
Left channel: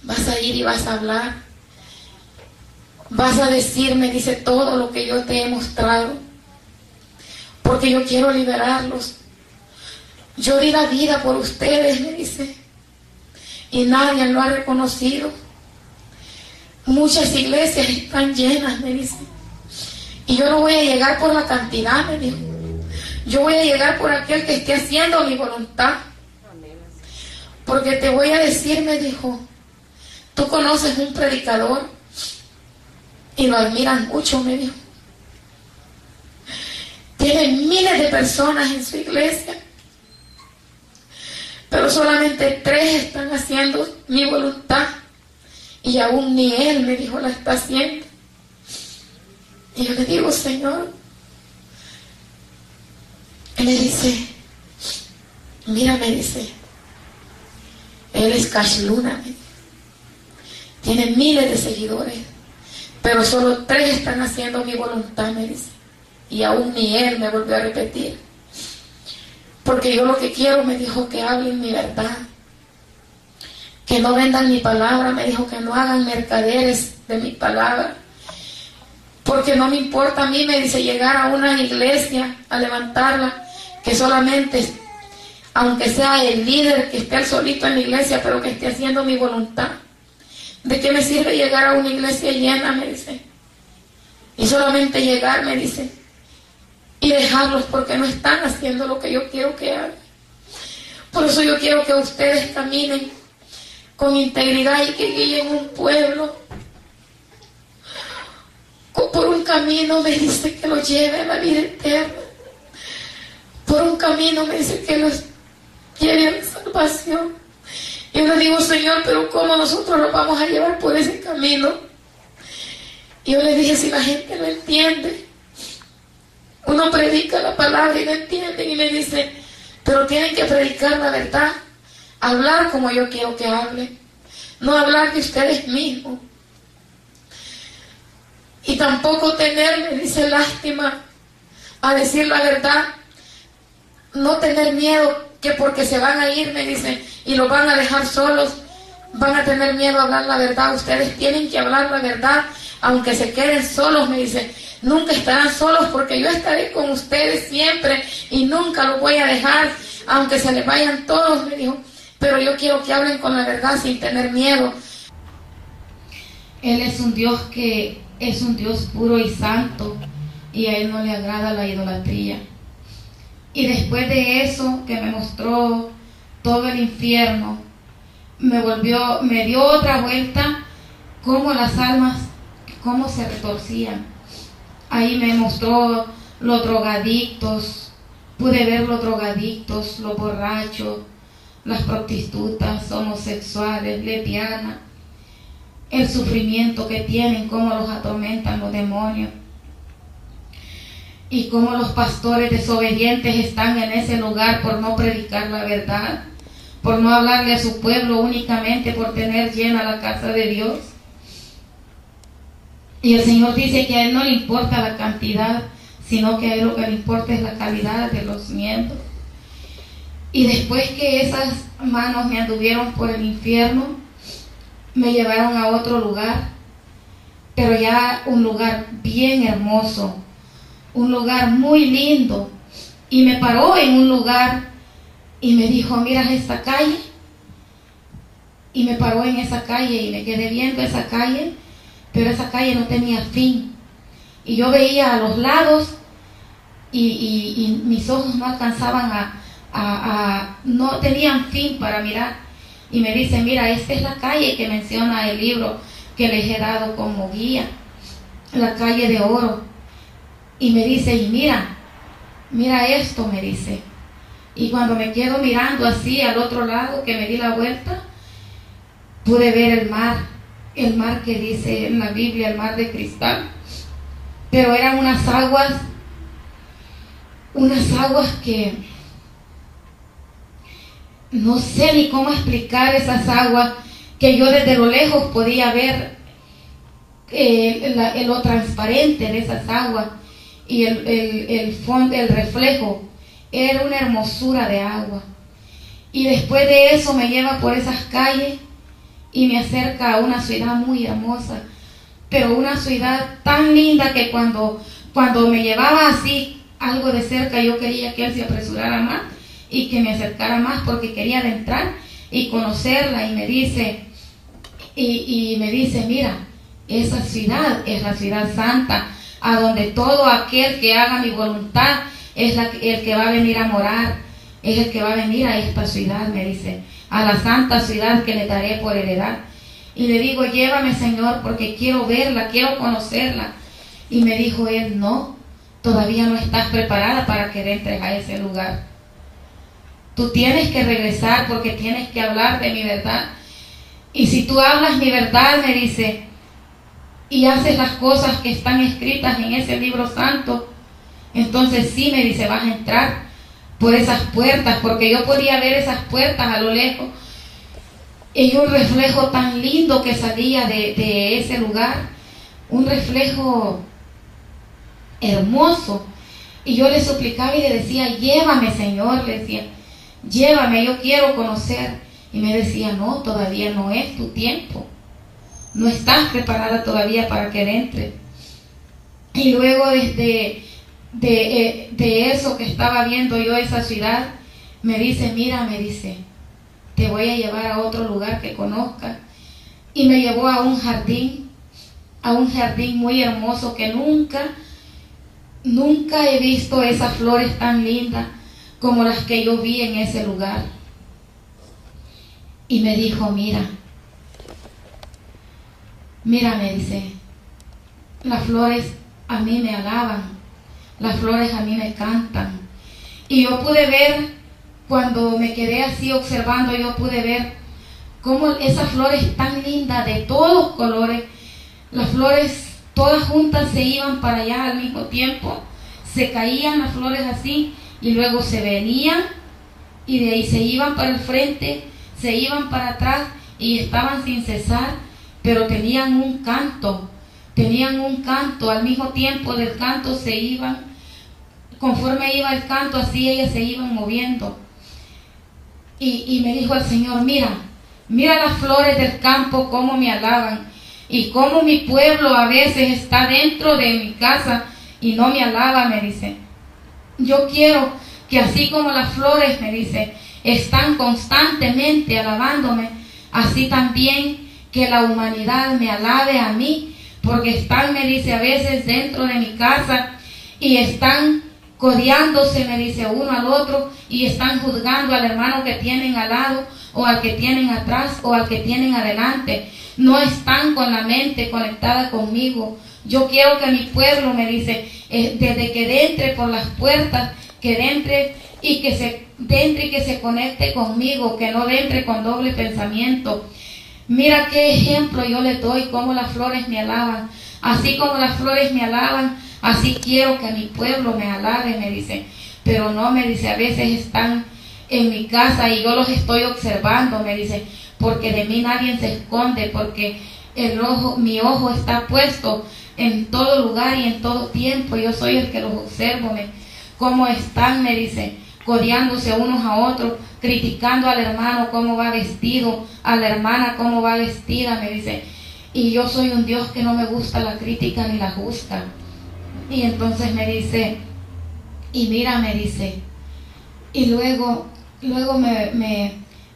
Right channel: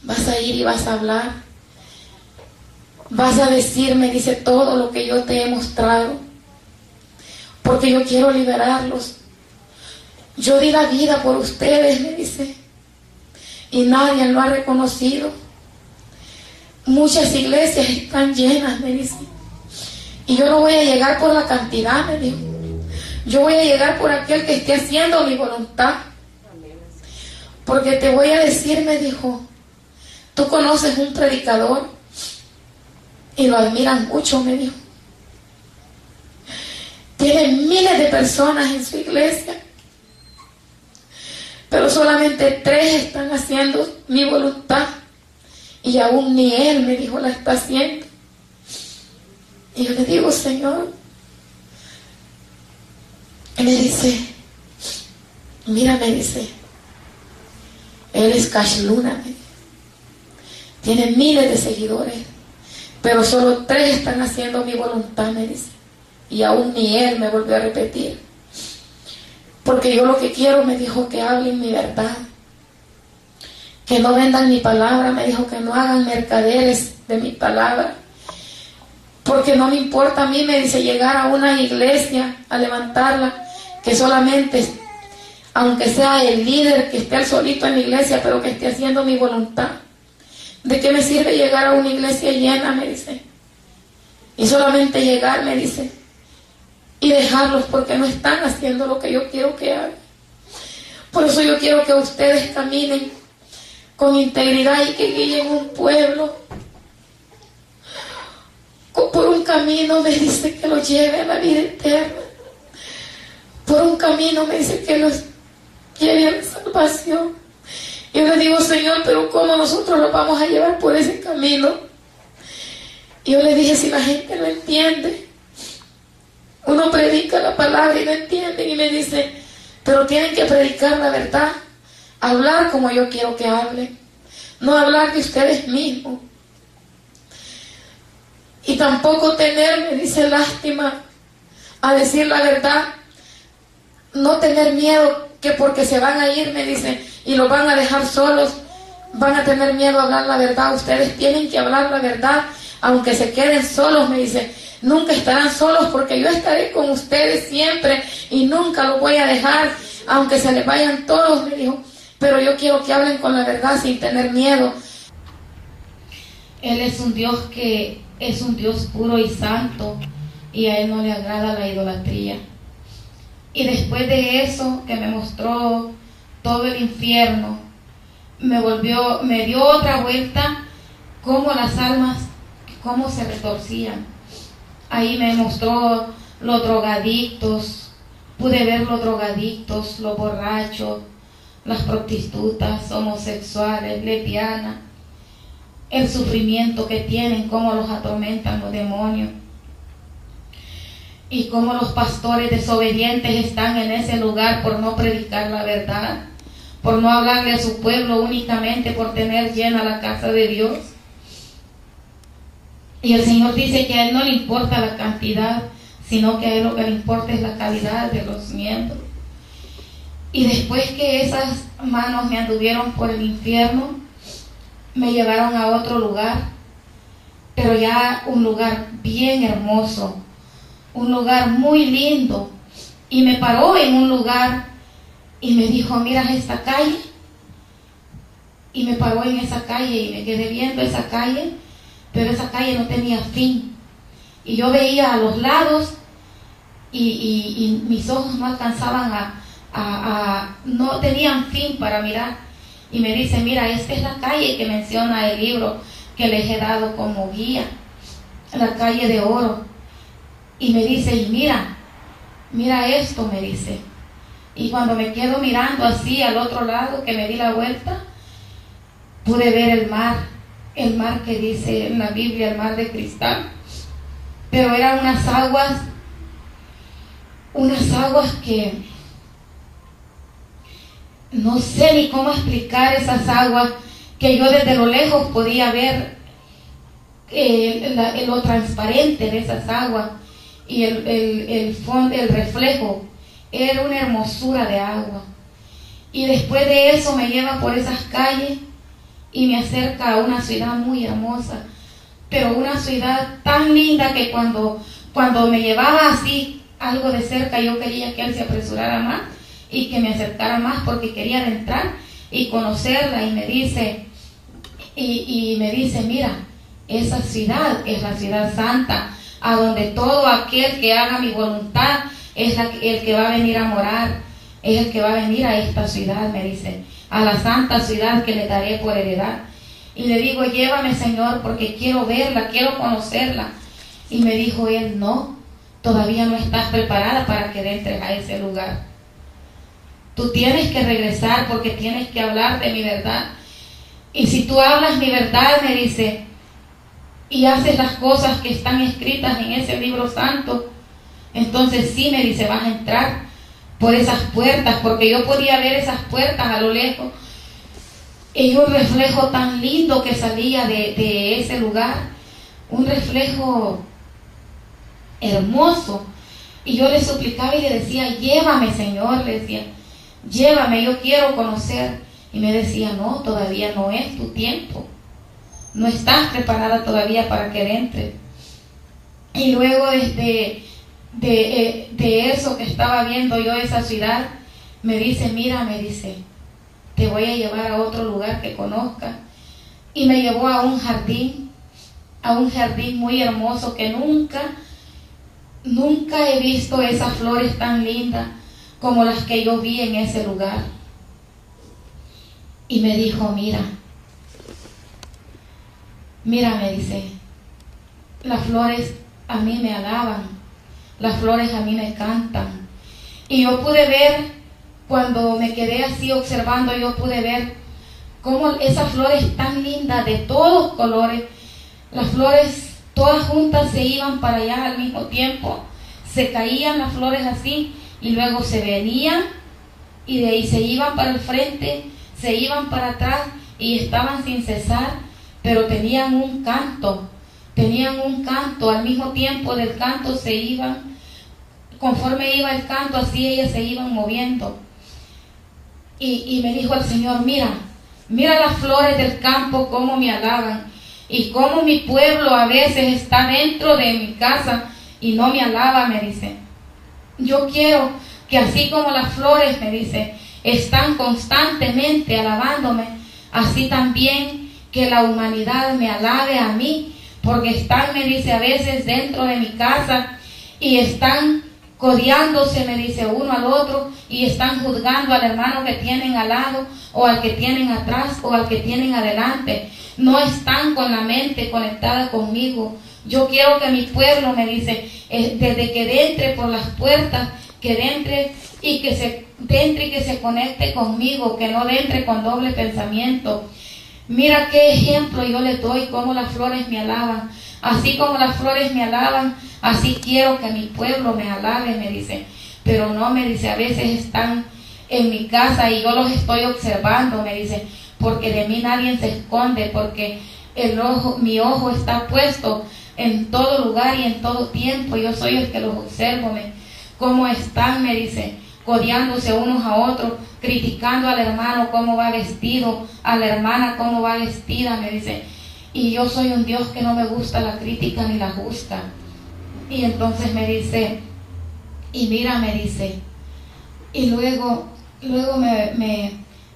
vas a ir y vas a hablar, vas a decirme, dice, todo lo que yo te he mostrado, porque yo quiero liberarlos. Yo di la vida por ustedes, me dice, y nadie lo ha reconocido. Muchas iglesias están llenas, me dice, y yo no voy a llegar por la cantidad, me dijo. Yo voy a llegar por aquel que esté haciendo mi voluntad. Porque te voy a decir, me dijo, tú conoces un predicador y lo admiras mucho, me dijo. Tiene miles de personas en su iglesia, pero solamente 3 están haciendo mi voluntad. Y aún ni él, me dijo, la está haciendo. Y yo le digo, Señor, me dice, mira, me dice, él es Cash Luna, me dice, tiene miles de seguidores, pero solo 3 están haciendo mi voluntad, me dice. Y aún ni él, me volvió a repetir, porque yo lo que quiero, me dijo, que hablen mi verdad, que no vendan mi palabra, me dijo, que no hagan mercaderes de mi palabra, porque no me importa a mí, me dice, llegar a una iglesia a levantarla, que solamente, aunque sea el líder que esté al solito en la iglesia, pero que esté haciendo mi voluntad. ¿De qué me sirve llegar a una iglesia llena? Me dice. Y solamente llegar, me dice, y dejarlos porque no están haciendo lo que yo quiero que hagan. Por eso yo quiero que ustedes caminen con integridad y que guíen un pueblo por un camino, me dice, que los lleve a la vida eterna. Por un camino, me dice, que los lleve a la salvación. Y yo le digo, Señor, pero ¿cómo nosotros los vamos a llevar por ese camino? Y yo le dije, si la gente no entiende, uno predica la palabra y no entienden, y me dice, pero tienen que predicar la verdad, hablar como yo quiero que hablen, no hablar de ustedes mismos. Y tampoco tener, me dice, lástima a decir la verdad, no tener miedo que porque se van a ir, me dicen, y los van a dejar solos, van a tener miedo a hablar la verdad. Ustedes tienen que hablar la verdad, aunque se queden solos, me dicen, nunca estarán solos porque yo estaré con ustedes siempre y nunca los voy a dejar, aunque se les vayan todos, me dijo, pero yo quiero que hablen con la verdad sin tener miedo. Él es un Dios que es un Dios puro y santo, y a Él no le agrada la idolatría. Y después de eso, que me mostró todo el infierno, me dio otra vuelta, cómo las almas, cómo se retorcían. Ahí me mostró los drogadictos, pude ver los drogadictos, los borrachos, las prostitutas, homosexuales, lesbianas, el sufrimiento que tienen, cómo los atormentan los demonios, y cómo los pastores desobedientes están en ese lugar por no predicar la verdad, por no hablarle a su pueblo únicamente por tener llena la casa de Dios. Y el Señor dice que a Él no le importa la cantidad, sino que a Él lo que le importa es la calidad de los miembros. Y después que esas manos me anduvieron por el infierno, me llevaron a otro lugar, pero ya un lugar bien hermoso, un lugar muy lindo, y me paró en un lugar y me dijo, mira esta calle, y me paró en esa calle y me quedé viendo esa calle, pero esa calle no tenía fin, y yo veía a los lados y mis ojos no alcanzaban no tenían fin para mirar. Y me dice, mira, esta es la calle que menciona el libro que les he dado como guía, la calle de oro. Y me dice, y mira esto, me dice. Y cuando me quedo mirando así al otro lado, que me di la vuelta, pude ver el mar que dice en la Biblia, el mar de cristal. Pero eran unas aguas que no sé ni cómo explicar esas aguas, que yo desde lo lejos podía ver lo transparente de esas aguas y el fondo, el reflejo, era una hermosura de agua. Y después de eso me lleva por esas calles y me acerca a una ciudad muy hermosa, pero una ciudad tan linda que cuando me llevaba así algo de cerca, yo quería que él se apresurara más y que me acercara más, porque quería adentrar y conocerla. Y me dice, mira, esa ciudad es la ciudad santa, a donde todo aquel que haga mi voluntad es el que va a venir a morar, es el que va a venir a esta ciudad, me dice, a la santa ciudad que le daré por heredad. Y le digo, llévame, Señor, porque quiero verla, quiero conocerla. Y me dijo él, no, todavía no estás preparada para que entres a ese lugar. Tú tienes que regresar porque tienes que hablar de mi verdad. Y si tú hablas mi verdad, me dice, y haces las cosas que están escritas en ese libro santo, entonces sí, me dice, vas a entrar por esas puertas, porque yo podía ver esas puertas a lo lejos y un reflejo tan lindo que salía de ese lugar, un reflejo hermoso. Y yo le suplicaba y le decía, llévame, Señor, le decía, llévame, yo quiero conocer. Y me decía, no, todavía no es tu tiempo, no estás preparada todavía para que entre. Y luego de eso que estaba viendo yo esa ciudad, me dice, mira, me dice, te voy a llevar a otro lugar que conozcas. Y me llevó a un jardín muy hermoso que nunca he visto esas flores tan lindas como las que yo vi en ese lugar. Y me dijo, mira, me dice, las flores a mí me alaban, las flores a mí me cantan. Y yo pude ver, cuando me quedé así observando, yo pude ver cómo esas flores tan lindas de todos colores, las flores todas juntas se iban para allá al mismo tiempo, se caían las flores así y luego se venían y de ahí se iban para el frente, se iban para atrás y estaban sin cesar, pero tenían un canto, al mismo tiempo del canto se iban, conforme iba el canto así ellas se iban moviendo. Y me dijo el Señor, mira las flores del campo cómo me alaban, y cómo mi pueblo a veces está dentro de mi casa y no me alaba, me dice. Yo quiero que así como las flores, me dice, están constantemente alabándome, así también que la humanidad me alabe a mí, porque están, me dice, a veces dentro de mi casa y están codeándose, me dice, uno al otro, y están juzgando al hermano que tienen al lado, o al que tienen atrás, o al que tienen adelante. No están con la mente conectada conmigo. Yo quiero que mi pueblo, me dice, desde que entre por las puertas, que entre y que se conecte conmigo, que no entre con doble pensamiento. Mira qué ejemplo yo le doy, cómo las flores me alaban. Así como las flores me alaban, así quiero que mi pueblo me alabe, me dice. Pero no, me dice, a veces están en mi casa y yo los estoy observando, me dice, porque de mí nadie se esconde, porque mi ojo está puesto en todo lugar y en todo tiempo. Yo soy el que los observo, cómo están, me dice, codeándose unos a otros, criticando al hermano cómo va vestido, a la hermana cómo va vestida, me dice. Y yo soy un Dios que no me gusta la crítica ni la juzga. Y entonces me dice, y mira, me dice, y luego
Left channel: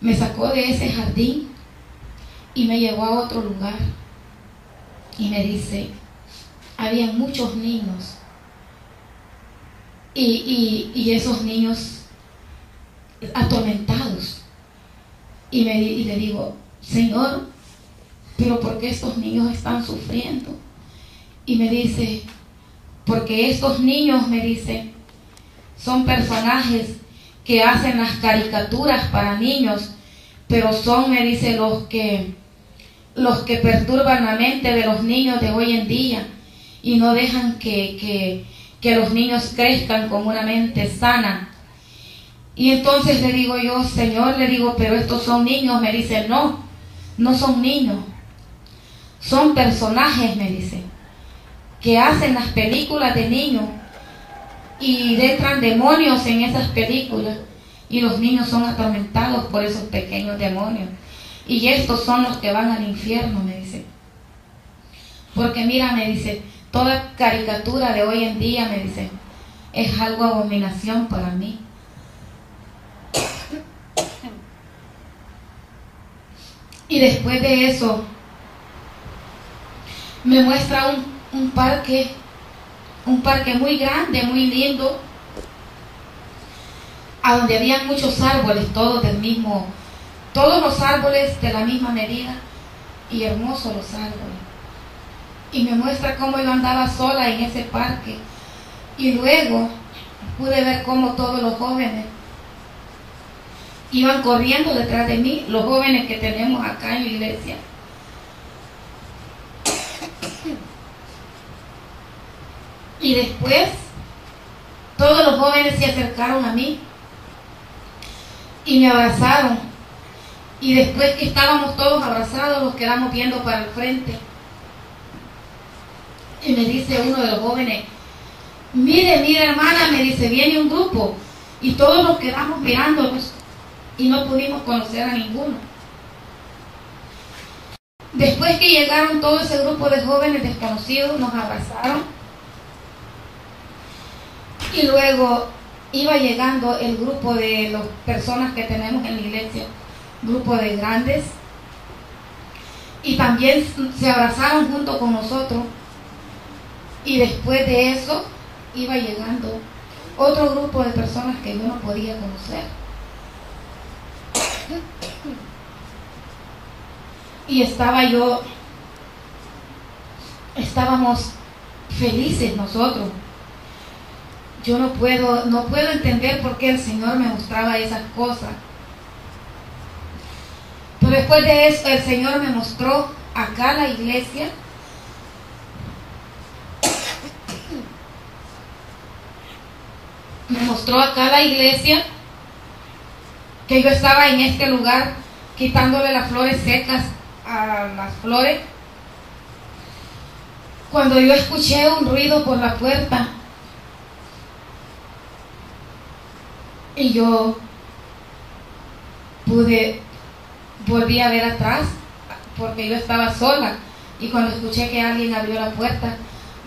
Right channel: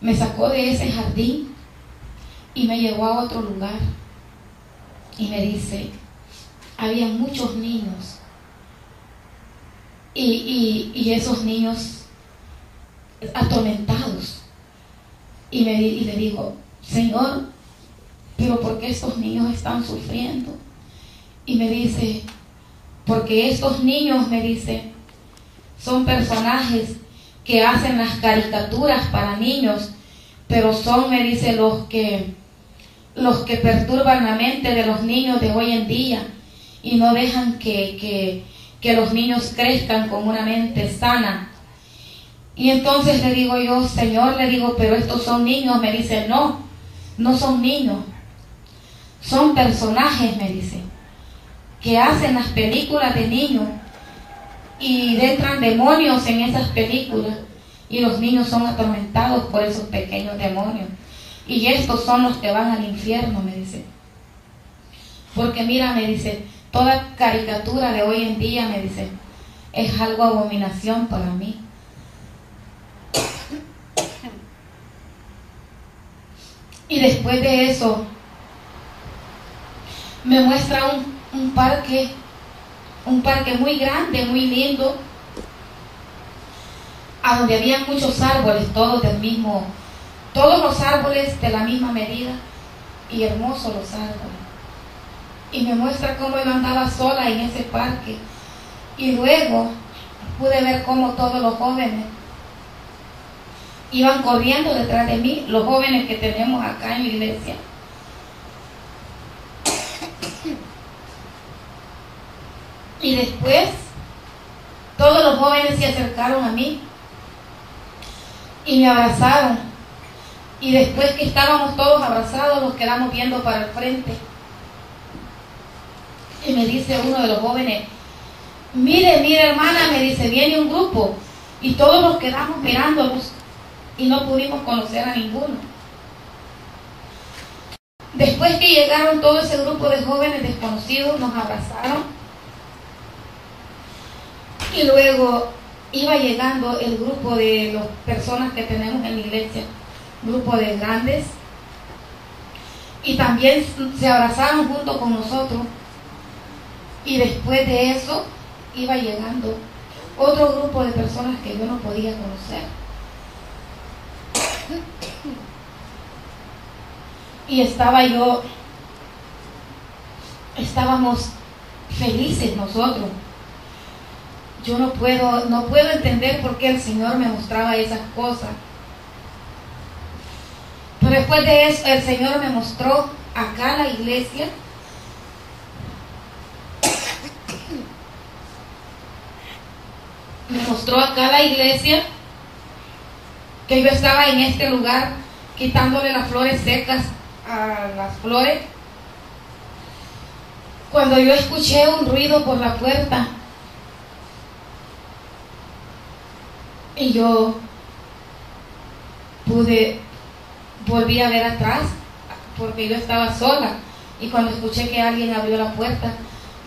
me sacó de ese jardín y me llevó a otro lugar. Y me dice, había muchos niños. Y esos niños atormentados. Y le digo, Señor, pero ¿por qué estos niños están sufriendo? Y me dice, porque estos niños, me dice, son personajes que hacen las caricaturas para niños, pero son, me dice, los que perturban la mente de los niños de hoy en día y no dejan que los niños crezcan con una mente sana. Y entonces le digo yo, Señor, le digo, pero estos son niños. Me dice, no son niños, son personajes, me dice, que hacen las películas de niños y entran demonios en esas películas. y los niños son atormentados por esos pequeños demonios. Y estos son los que van al infierno, me dice. Porque mira, me dice, toda caricatura de hoy en día, me dice, es algo abominación para mí. Y después de eso, me muestra un parque muy grande, muy lindo, a donde había muchos árboles, todos los árboles de la misma medida, y hermosos los árboles. Y me muestra cómo yo andaba sola en ese parque, y luego pude ver cómo todos los jóvenes iban corriendo detrás de mí, los jóvenes que tenemos acá en la iglesia. Y después todos los jóvenes se acercaron a mí y me abrazaron. Y después que estábamos todos abrazados, nos quedamos viendo para el frente. Y me dice uno de los jóvenes, mire hermana, me dice, viene un grupo. Y todos nos quedamos mirándonos y no pudimos conocer a ninguno. Después que llegaron todo ese grupo de jóvenes desconocidos, nos abrazaron. Y luego iba llegando el grupo de las personas que tenemos en la iglesia, grupo de grandes, y también se abrazaron junto con nosotros. Y después de eso iba llegando otro grupo de personas que yo no podía conocer. Y estábamos felices nosotros. Yo no puedo entender por qué el Señor me mostraba esas cosas. Pero después de eso, el Señor me mostró acá la iglesia. Me mostró acá la iglesia, que yo estaba en este lugar quitándole las flores secas a las flores, cuando yo escuché un ruido por la puerta. Y yo volví a ver atrás, porque yo estaba sola, y cuando escuché que alguien abrió la puerta,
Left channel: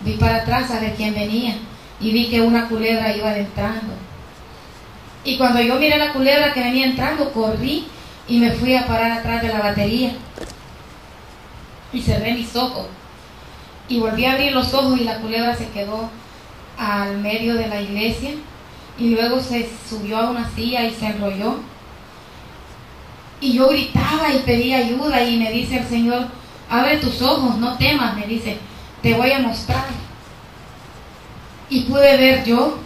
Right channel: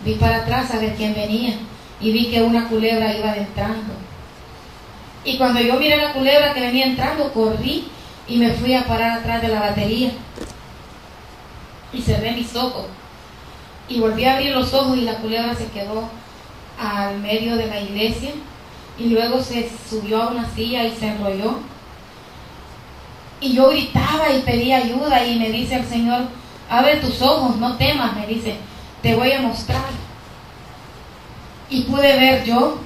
vi para atrás a ver quién venía, y vi que una culebra iba entrando. Y cuando yo miré la culebra que venía entrando, corrí y me fui a parar atrás de la batería, y cerré mis ojos, y volví a abrir los ojos, y la culebra se quedó al medio de la iglesia, y luego se subió a una silla y se enrolló. Y yo gritaba y pedía ayuda, y me dice el Señor, abre tus ojos, no temas, me dice, te voy a mostrar. Y pude ver yo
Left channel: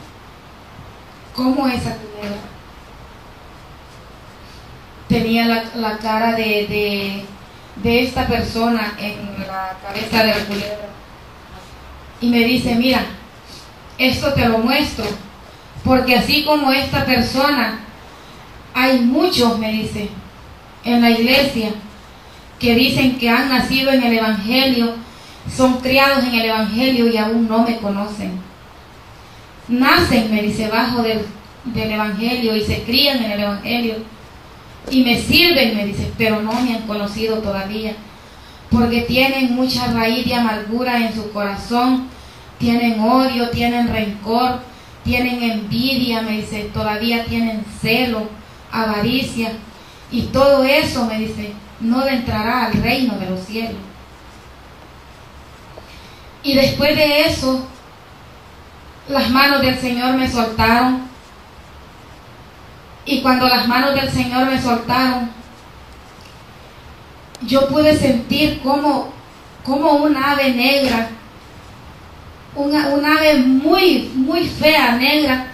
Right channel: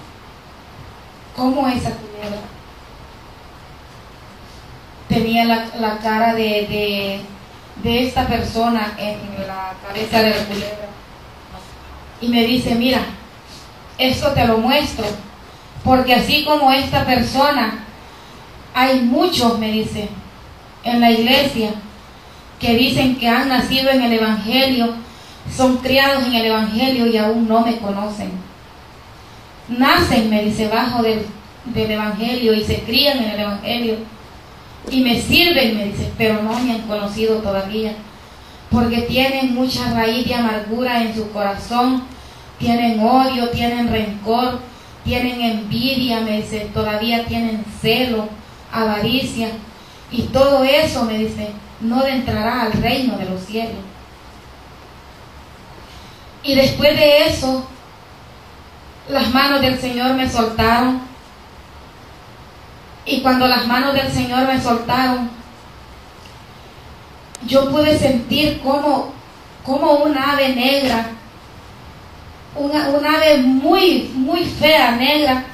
cómo esa culebra tenía la cara de esta persona en la cabeza de la culebra. Y me dice, mira, esto te lo muestro, porque así como esta persona, hay muchos, me dice, en la iglesia que dicen que han nacido en el Evangelio, son criados en el Evangelio y aún no me conocen. Nacen, me dice, bajo del Evangelio y se crían en el Evangelio y me sirven, me dice, pero no me han conocido todavía, porque tienen mucha raíz de amargura en su corazón, tienen odio, tienen rencor, tienen envidia, me dice, todavía tienen celo, avaricia, y todo eso, me dice, no entrará al reino de los cielos. Y después de eso, las manos del Señor me soltaron, y cuando las manos del Señor me soltaron, yo pude sentir como un ave negra, un ave muy, muy fea, negra,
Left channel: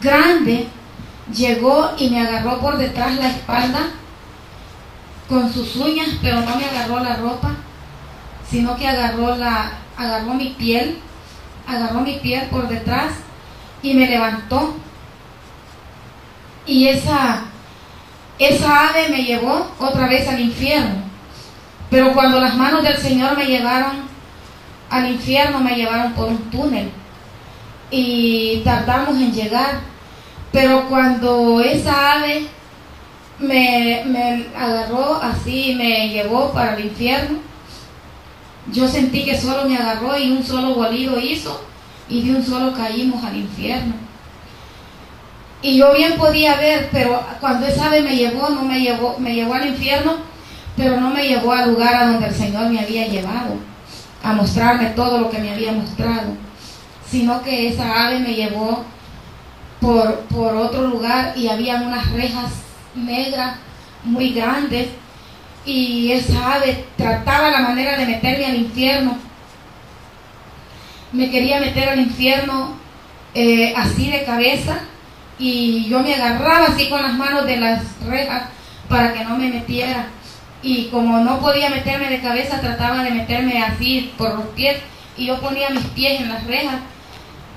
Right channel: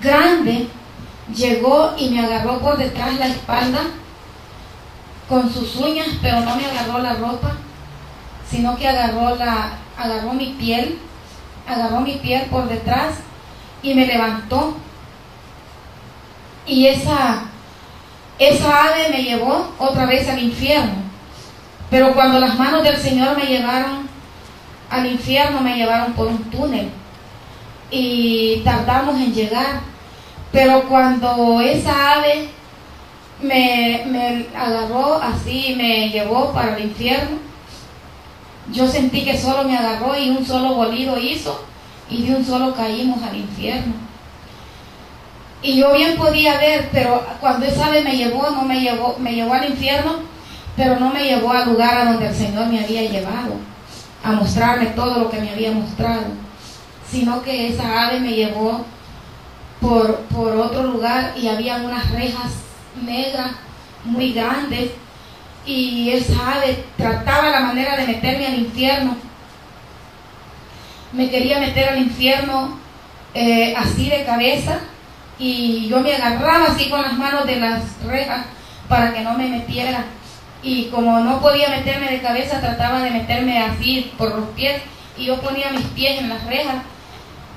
grande, llegó y me agarró por detrás la espalda con sus uñas, pero no me agarró la ropa, sino que agarró mi piel por detrás y me levantó. Y esa ave me llevó otra vez al infierno. Pero cuando las manos del Señor me llevaron al infierno, me llevaron por un túnel y tardamos en llegar. Pero cuando esa ave me agarró así y me llevó para el infierno, yo sentí que solo me agarró y un solo bolido hizo y de un solo caímos al infierno. Y yo bien podía ver, pero cuando esa ave me llevó al infierno, pero no me llevó al lugar a donde el Señor me había llevado, a mostrarme todo lo que me había mostrado, sino que esa ave me llevó por otro lugar y había unas rejas negras muy grandes y esa ave trataba la manera de meterme al infierno. Me quería meter al infierno así de cabeza y yo me agarraba así con las manos de las rejas para que no me metiera, y como no podía meterme de cabeza trataba de meterme así por los pies y yo ponía mis pies en las rejas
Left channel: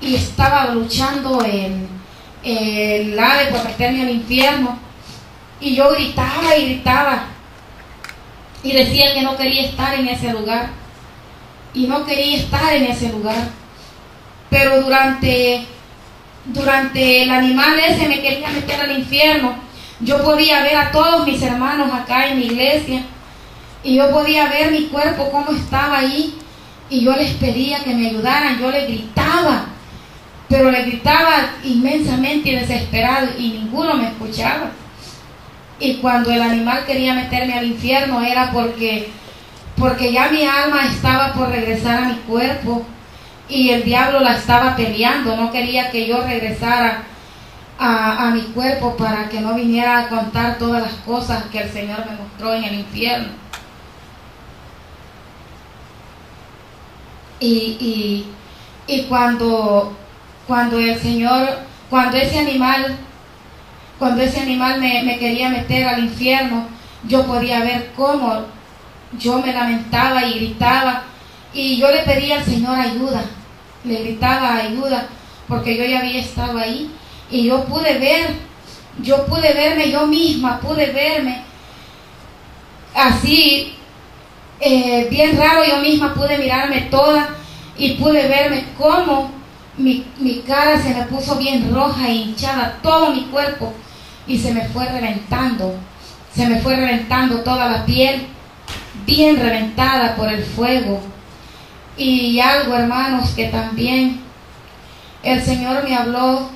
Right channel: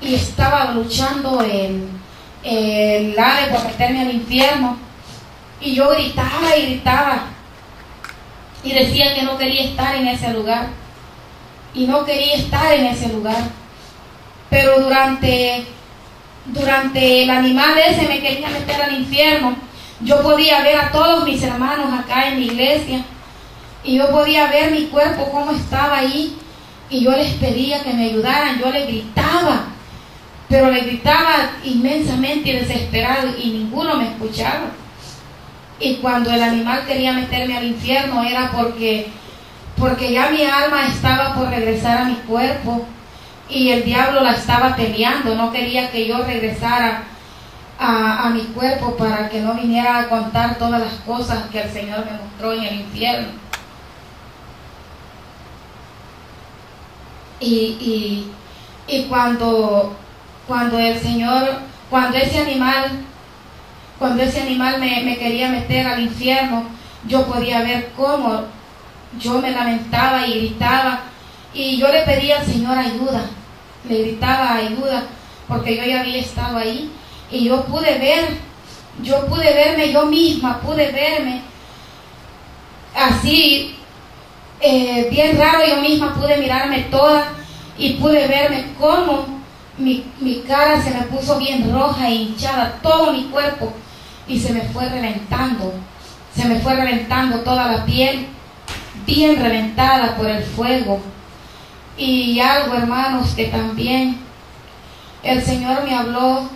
y estaba luchando el ave por meterme al infierno, y yo gritaba y gritaba y decía que no quería estar en ese lugar y no quería estar en ese lugar. Pero durante el animal ese me quería meter al infierno, yo podía ver a todos mis hermanos acá en la iglesia y yo podía ver mi cuerpo cómo estaba ahí, y yo les pedía que me ayudaran, yo les gritaba, pero les gritaba inmensamente y desesperado y ninguno me escuchaba. Y cuando el animal quería meterme al infierno era porque ya mi alma estaba por regresar a mi cuerpo y el diablo la estaba peleando, no quería que yo regresara a mi cuerpo para que no viniera a contar todas las cosas que el Señor me mostró en el infierno. Y cuando ese animal me quería meter al infierno, yo podía ver cómo yo me lamentaba y gritaba, y yo le pedía al Señor ayuda, le gritaba ayuda, porque yo ya había estado ahí, y yo pude verme yo misma, pude verme así, bien raro, yo misma pude mirarme toda, y pude verme cómo mi cara se me puso bien roja e hinchada, todo mi cuerpo, y se me fue reventando toda la piel, bien reventada por el fuego. Y algo, hermanos, que también el Señor me habló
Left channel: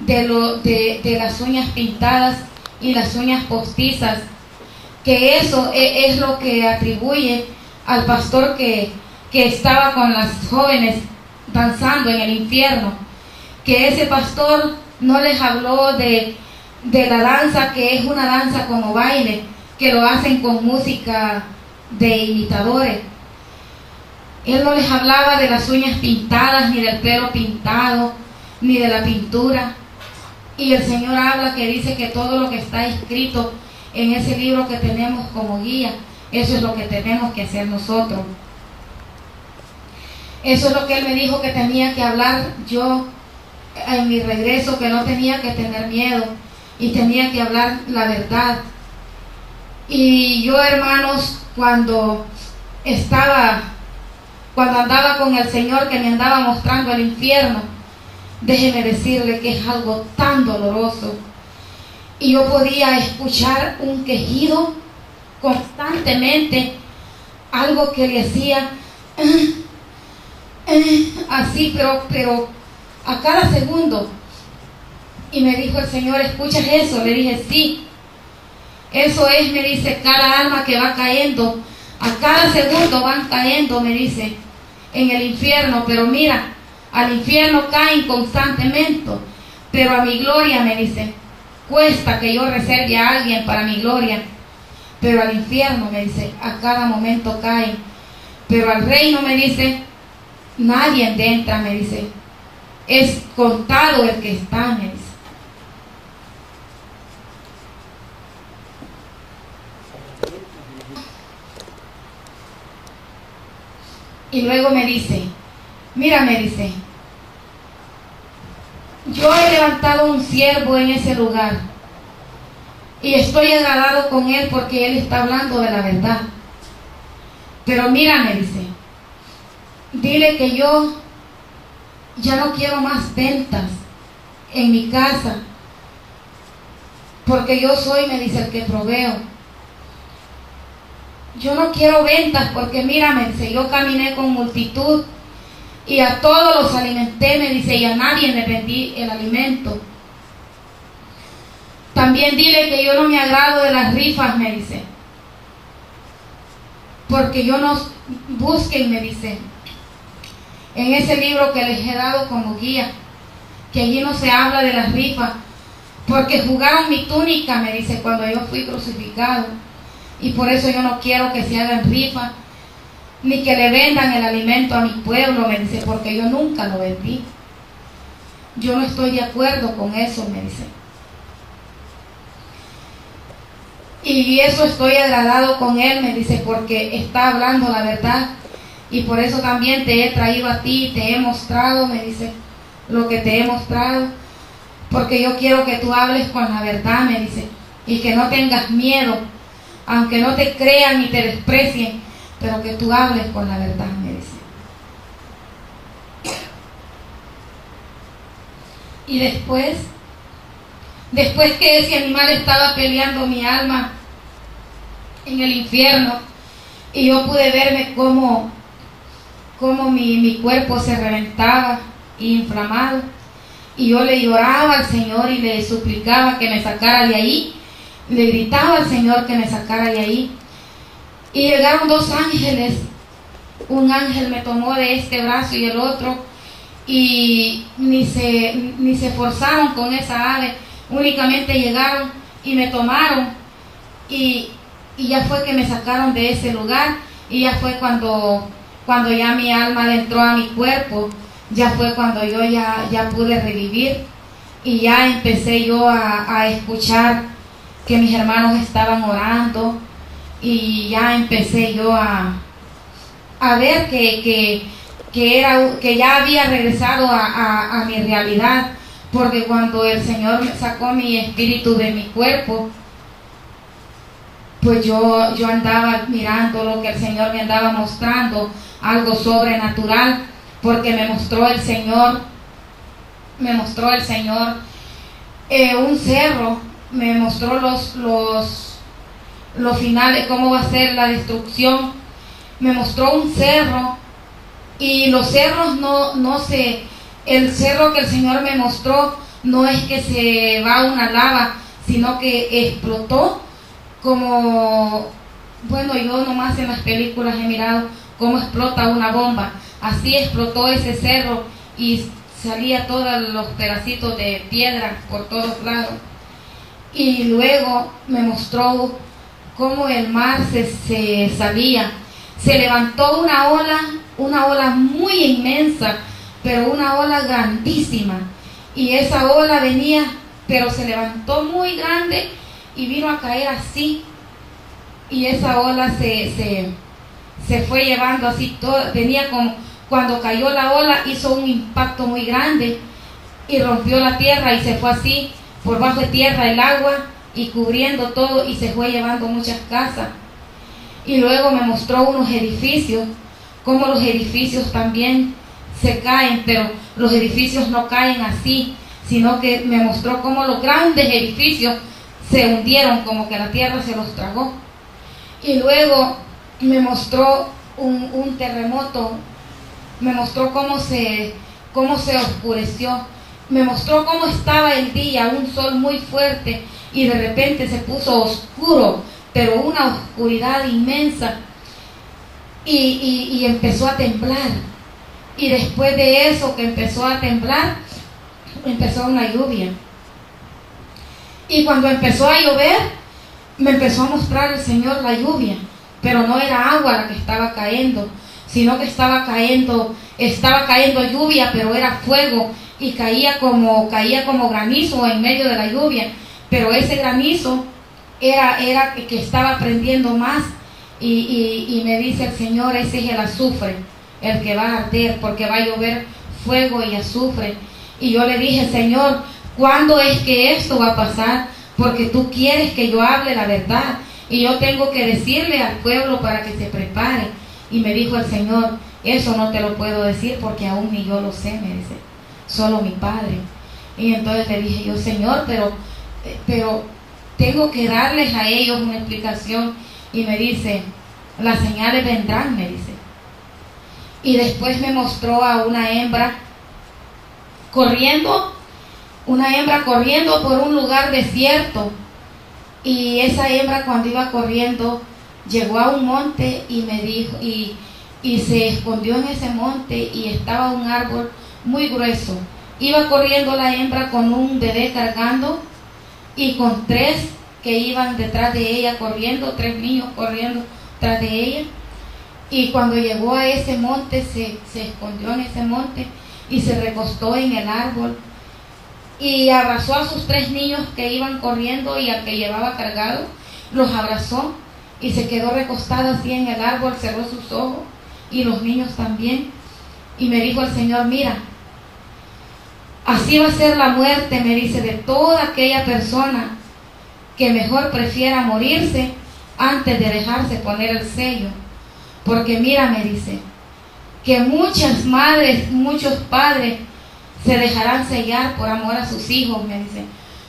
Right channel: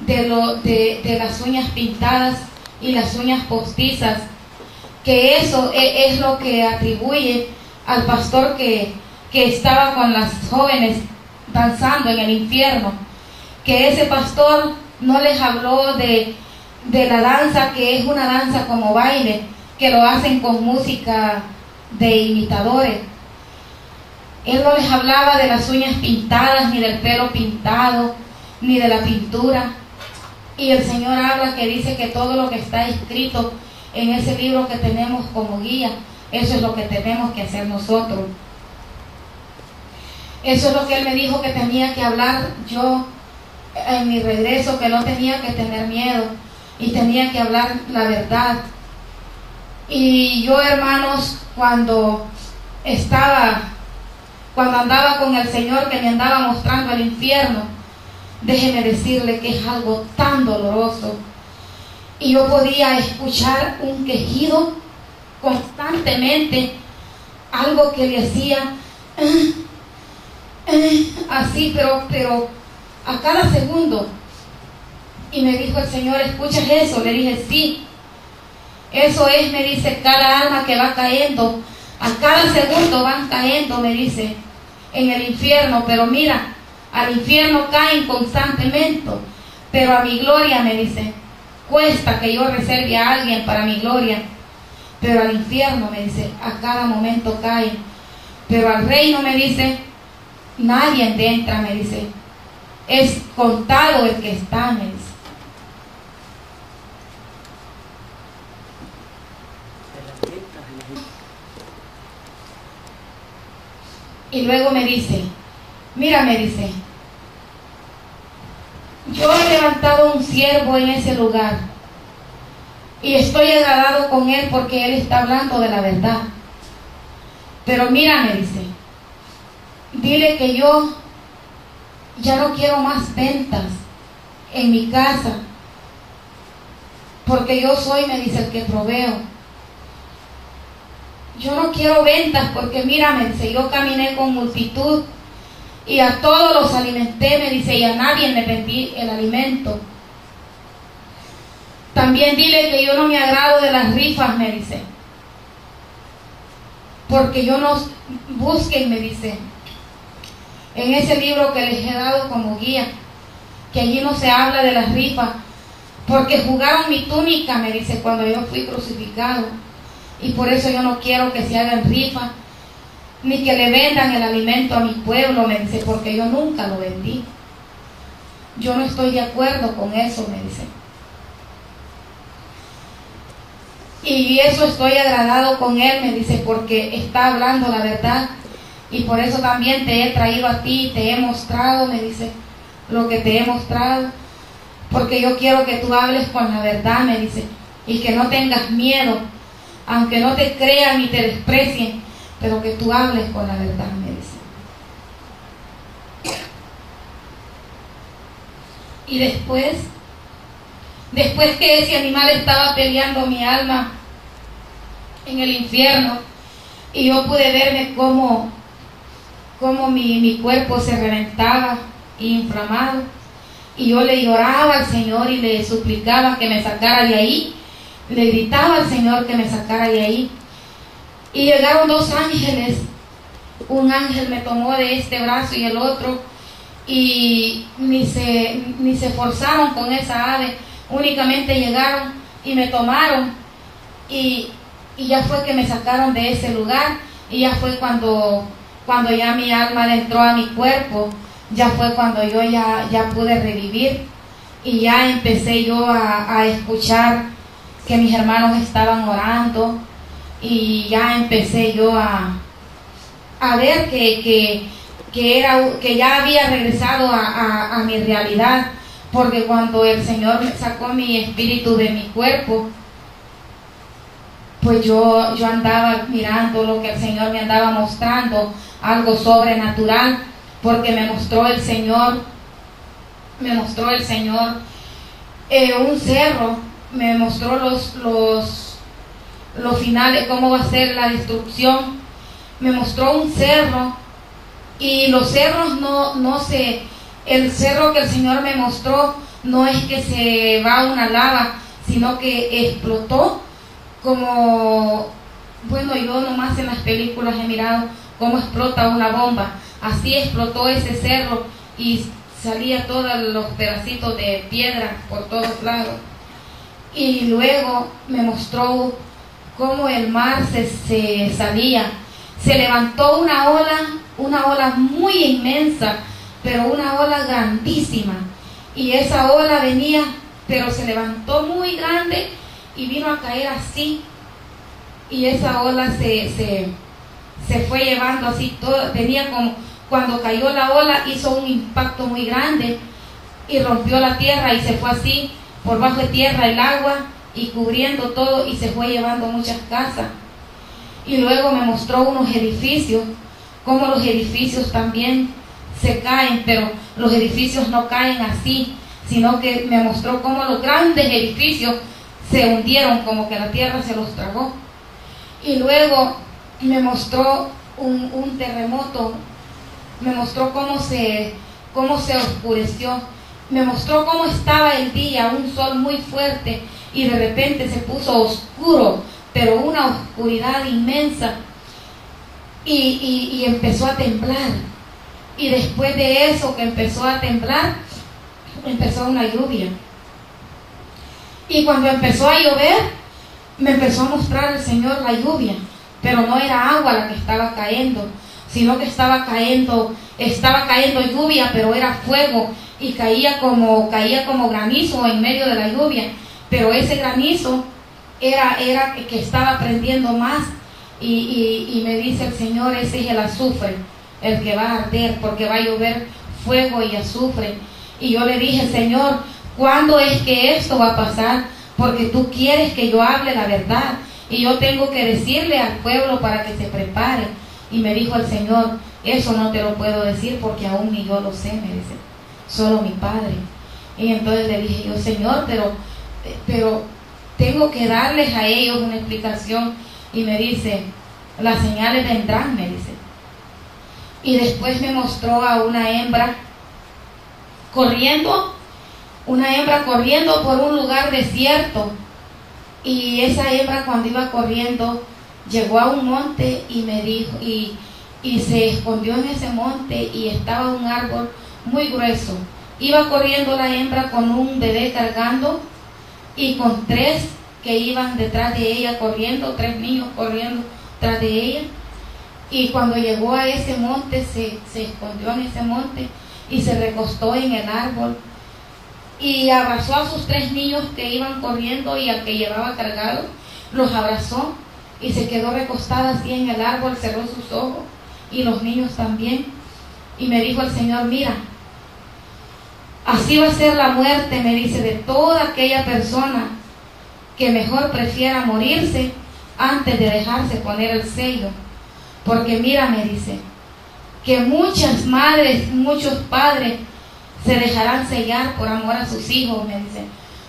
de las uñas pintadas y las uñas postizas, que eso es lo que atribuye al pastor que estaba con las jóvenes danzando en el infierno, que ese pastor no les habló de la danza, que es una danza como baile, que lo hacen con música de imitadores. Él no les hablaba de las uñas pintadas, ni del pelo pintado, ni de la pintura. Y el Señor habla, que dice que todo lo que está escrito en ese libro que tenemos como guía, eso es lo que tenemos que hacer nosotros. Eso es lo que Él me dijo que tenía que hablar yo en mi regreso, que no tenía que tener miedo y tenía que hablar la verdad. Y yo, hermanos, cuando andaba con el Señor, que me andaba mostrando el infierno, déjeme decirle que es algo tan doloroso. Y yo podía escuchar un quejido constantemente, algo que le hacía así, pero a cada segundo. Y me dijo el Señor, ¿escuchas eso? Le dije, sí. Eso es, me dice, cada alma que va cayendo, a cada segundo van cayendo, me dice, en el infierno. Pero mira, al infierno caen constantemente, pero a mi gloria, me dice, cuesta que yo reserve a alguien para mi gloria, pero al infierno, me dice, a cada momento caen, pero al reino, me dice, nadie entra, me dice, es contado el que está, me dice. Y luego me dice, mira, me dice, yo he levantado un siervo en ese lugar y estoy agradado con él porque él está hablando de la verdad. Pero mira, me dice, dile que yo ya no quiero más ventas en mi casa, porque yo soy, me dice, el que proveo. Yo no quiero ventas porque mira, me dice, yo caminé con multitud y a todos los alimenté, me dice, y a nadie le vendí el alimento. También dile que yo no me agrado de las rifas, me dice, porque yo no, busquen, me dice, en ese libro que les he dado como guía, que allí no se habla de las rifas, porque jugaron mi túnica, me dice, cuando yo fui crucificado, y por eso yo no quiero que se hagan rifas, ni que le vendan el alimento a mi pueblo, me dice, porque yo nunca lo vendí. Yo no estoy de acuerdo con eso, me dice. Y eso estoy agradado con él, me dice, porque está hablando la verdad. Y por eso también te he traído a ti, te he mostrado, me dice, lo que te he mostrado. Porque yo quiero que tú hables con la verdad, me dice, y que no tengas miedo, aunque no te crean y te desprecien, pero que tú hables con la verdad, me dice. Y después que ese animal estaba peleando mi alma en el infierno, y yo pude verme cómo mi cuerpo se reventaba y inflamado, y yo le lloraba al Señor y le suplicaba que me sacara de ahí, le gritaba al Señor que me sacara de ahí, y llegaron dos ángeles. Un ángel me tomó de este brazo y el otro, y ni se forzaron con esa ave, únicamente llegaron y me tomaron, y ya fue que me sacaron de ese lugar, y ya fue cuando ya mi alma entró a mi cuerpo, ya fue cuando yo ya pude revivir, y ya empecé yo a escuchar que mis hermanos estaban orando, y ya empecé yo a ver que ya había regresado a mi realidad, porque cuando el Señor sacó mi espíritu de mi cuerpo, pues yo andaba mirando lo que el Señor me andaba mostrando, algo sobrenatural, porque me mostró el Señor un cerro, me mostró los finales, cómo va a ser la destrucción, me mostró un cerro, y los cerros el cerro que el Señor me mostró no es que se va una lava, sino que explotó como, bueno, yo nomás en las películas he mirado cómo explota una bomba, así explotó ese cerro y salía todos los pedacitos de piedra por todos lados. Y luego me mostró cómo el mar se salía, se levantó una ola muy inmensa, pero una ola grandísima, y esa ola venía, pero se levantó muy grande y vino a caer así, y esa ola se fue llevando así todo, tenía como, cuando cayó la ola hizo un impacto muy grande y rompió la tierra y se fue así por bajo de tierra el agua y cubriendo todo, y se fue llevando muchas casas. Y luego me mostró unos edificios, como los edificios también se caen, pero los edificios no caen así, sino que me mostró cómo los grandes edificios se hundieron, como que la tierra se los tragó. Y luego me mostró un terremoto, me mostró cómo se oscureció, me mostró cómo estaba el día, un sol muy fuerte, y de repente se puso oscuro, pero una oscuridad inmensa, y empezó a temblar. Y después de eso que empezó a temblar, empezó una lluvia. Y cuando empezó a llover, me empezó a mostrar el Señor la lluvia, pero no era agua la que estaba cayendo, sino que estaba cayendo lluvia, pero era fuego, y caía como granizo en medio de la lluvia, pero ese granizo era que estaba prendiendo más, y me dice el Señor, ese es el azufre, el que va a arder, porque va a llover fuego y azufre. Y yo le dije, Señor, ¿cuándo es que esto va a pasar? Porque tú quieres que yo hable la verdad, y yo tengo que decirle al pueblo para que se prepare. Y me dijo el Señor, eso no te lo puedo decir porque aún ni yo lo sé, me dice, solo mi Padre. Y entonces le dije yo, Señor, pero tengo que darles a ellos una explicación. Y me dice, las señales vendrán, me dice. Y después me mostró a una hembra corriendo por un lugar desierto. Y esa hembra, cuando iba corriendo, llegó a un monte y me dijo, y se escondió en ese monte, y estaba un árbol muy grueso. Iba corriendo la hembra con un bebé cargando y con 3 que iban detrás de ella corriendo, 3 niños corriendo detrás de ella. Y cuando llegó a ese monte, se escondió en ese monte y se recostó en el árbol y abrazó a sus 3 niños que iban corriendo, y al que llevaba cargado los abrazó, y se quedó recostada así en el árbol, cerró sus ojos, y los niños también. Y me dijo el Señor, mira, así va a ser la muerte, me dice, de toda aquella persona que mejor prefiera morirse antes de dejarse poner el sello. Porque mira, me dice, que muchas madres, muchos padres se dejarán sellar por amor a sus hijos, me dice,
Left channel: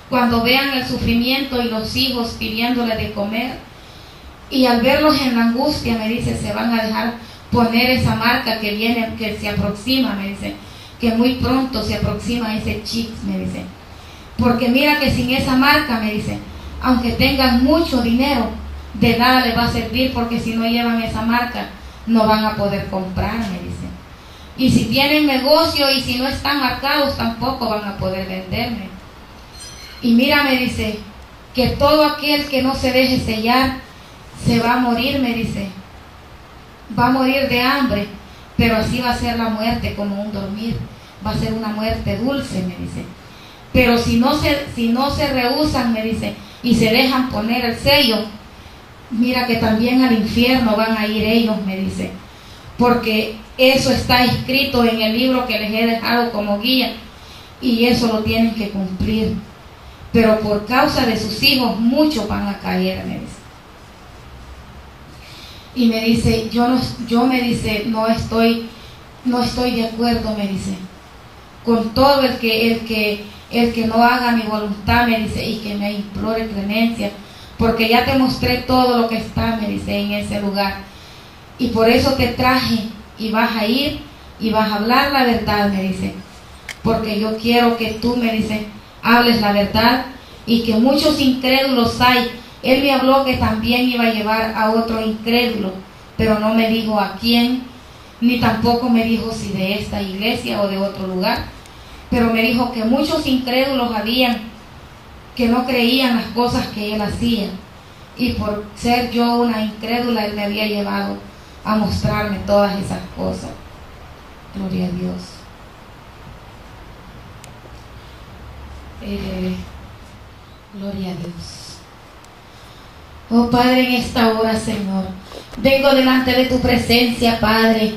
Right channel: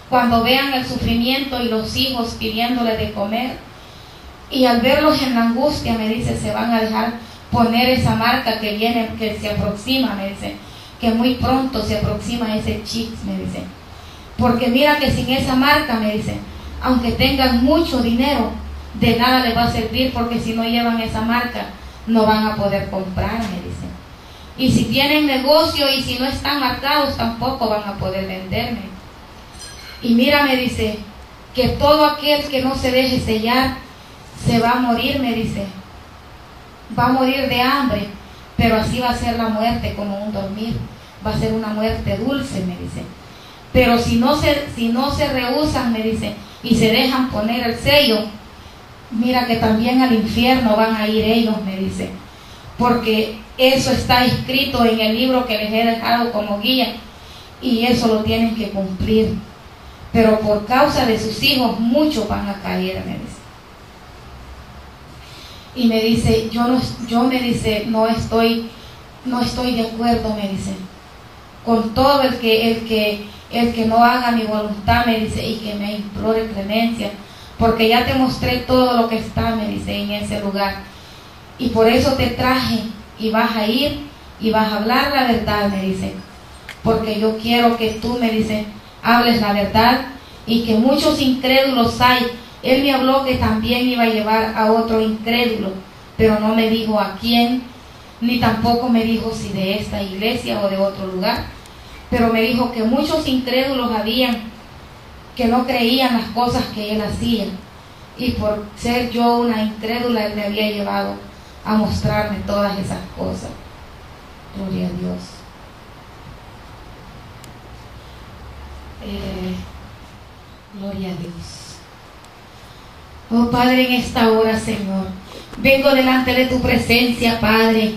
cuando vean el sufrimiento y los hijos pidiéndole de comer, y al verlos en la angustia, me dice, se van a dejar poner esa marca que viene, que se aproxima, me dice, que muy pronto se aproxima ese chip, me dice, porque mira que sin esa marca, me dice, aunque tengan mucho dinero, de nada les va a servir, porque si no llevan esa marca, no van a poder comprar, me dice. Y si tienen negocio y si no están marcados, tampoco van a poder venderme. Y mira, me dice, que todo aquel que no se deje sellar, se va a morir, me dice. Va a morir de hambre, pero así va a ser la muerte, como un dormir. Va a ser una muerte dulce, me dice. Pero si no se rehúsan, me dice, y se dejan poner el sello, mira que también al infierno van a ir ellos, me dice. Porque eso está escrito en el libro que les he dejado como guía, y eso lo tienen que cumplir. Pero por causa de sus hijos, muchos van a caer, me dice. Y me dice, yo me dice, no estoy de acuerdo, me dice, con todo el que no haga mi voluntad, me dice, y que me implore clemencia, porque ya te mostré todo lo que está, me dice, en ese lugar. Y por eso te traje, y vas a ir, y vas a hablar la verdad, me dice, porque yo quiero que tú, me dice, hables la verdad, y que muchos incrédulos hay. Él me habló que también iba a llevar a otro incrédulo, pero no me dijo a quién, ni tampoco me dijo si de esta iglesia o de otro lugar, pero me dijo que muchos incrédulos habían que no creían las cosas que él hacía, y por ser yo una incrédula, él me había llevado a mostrarme todas esas cosas. Gloria a Dios. Gloria a Dios. Oh Padre, en esta hora, Señor, vengo delante de tu presencia, Padre,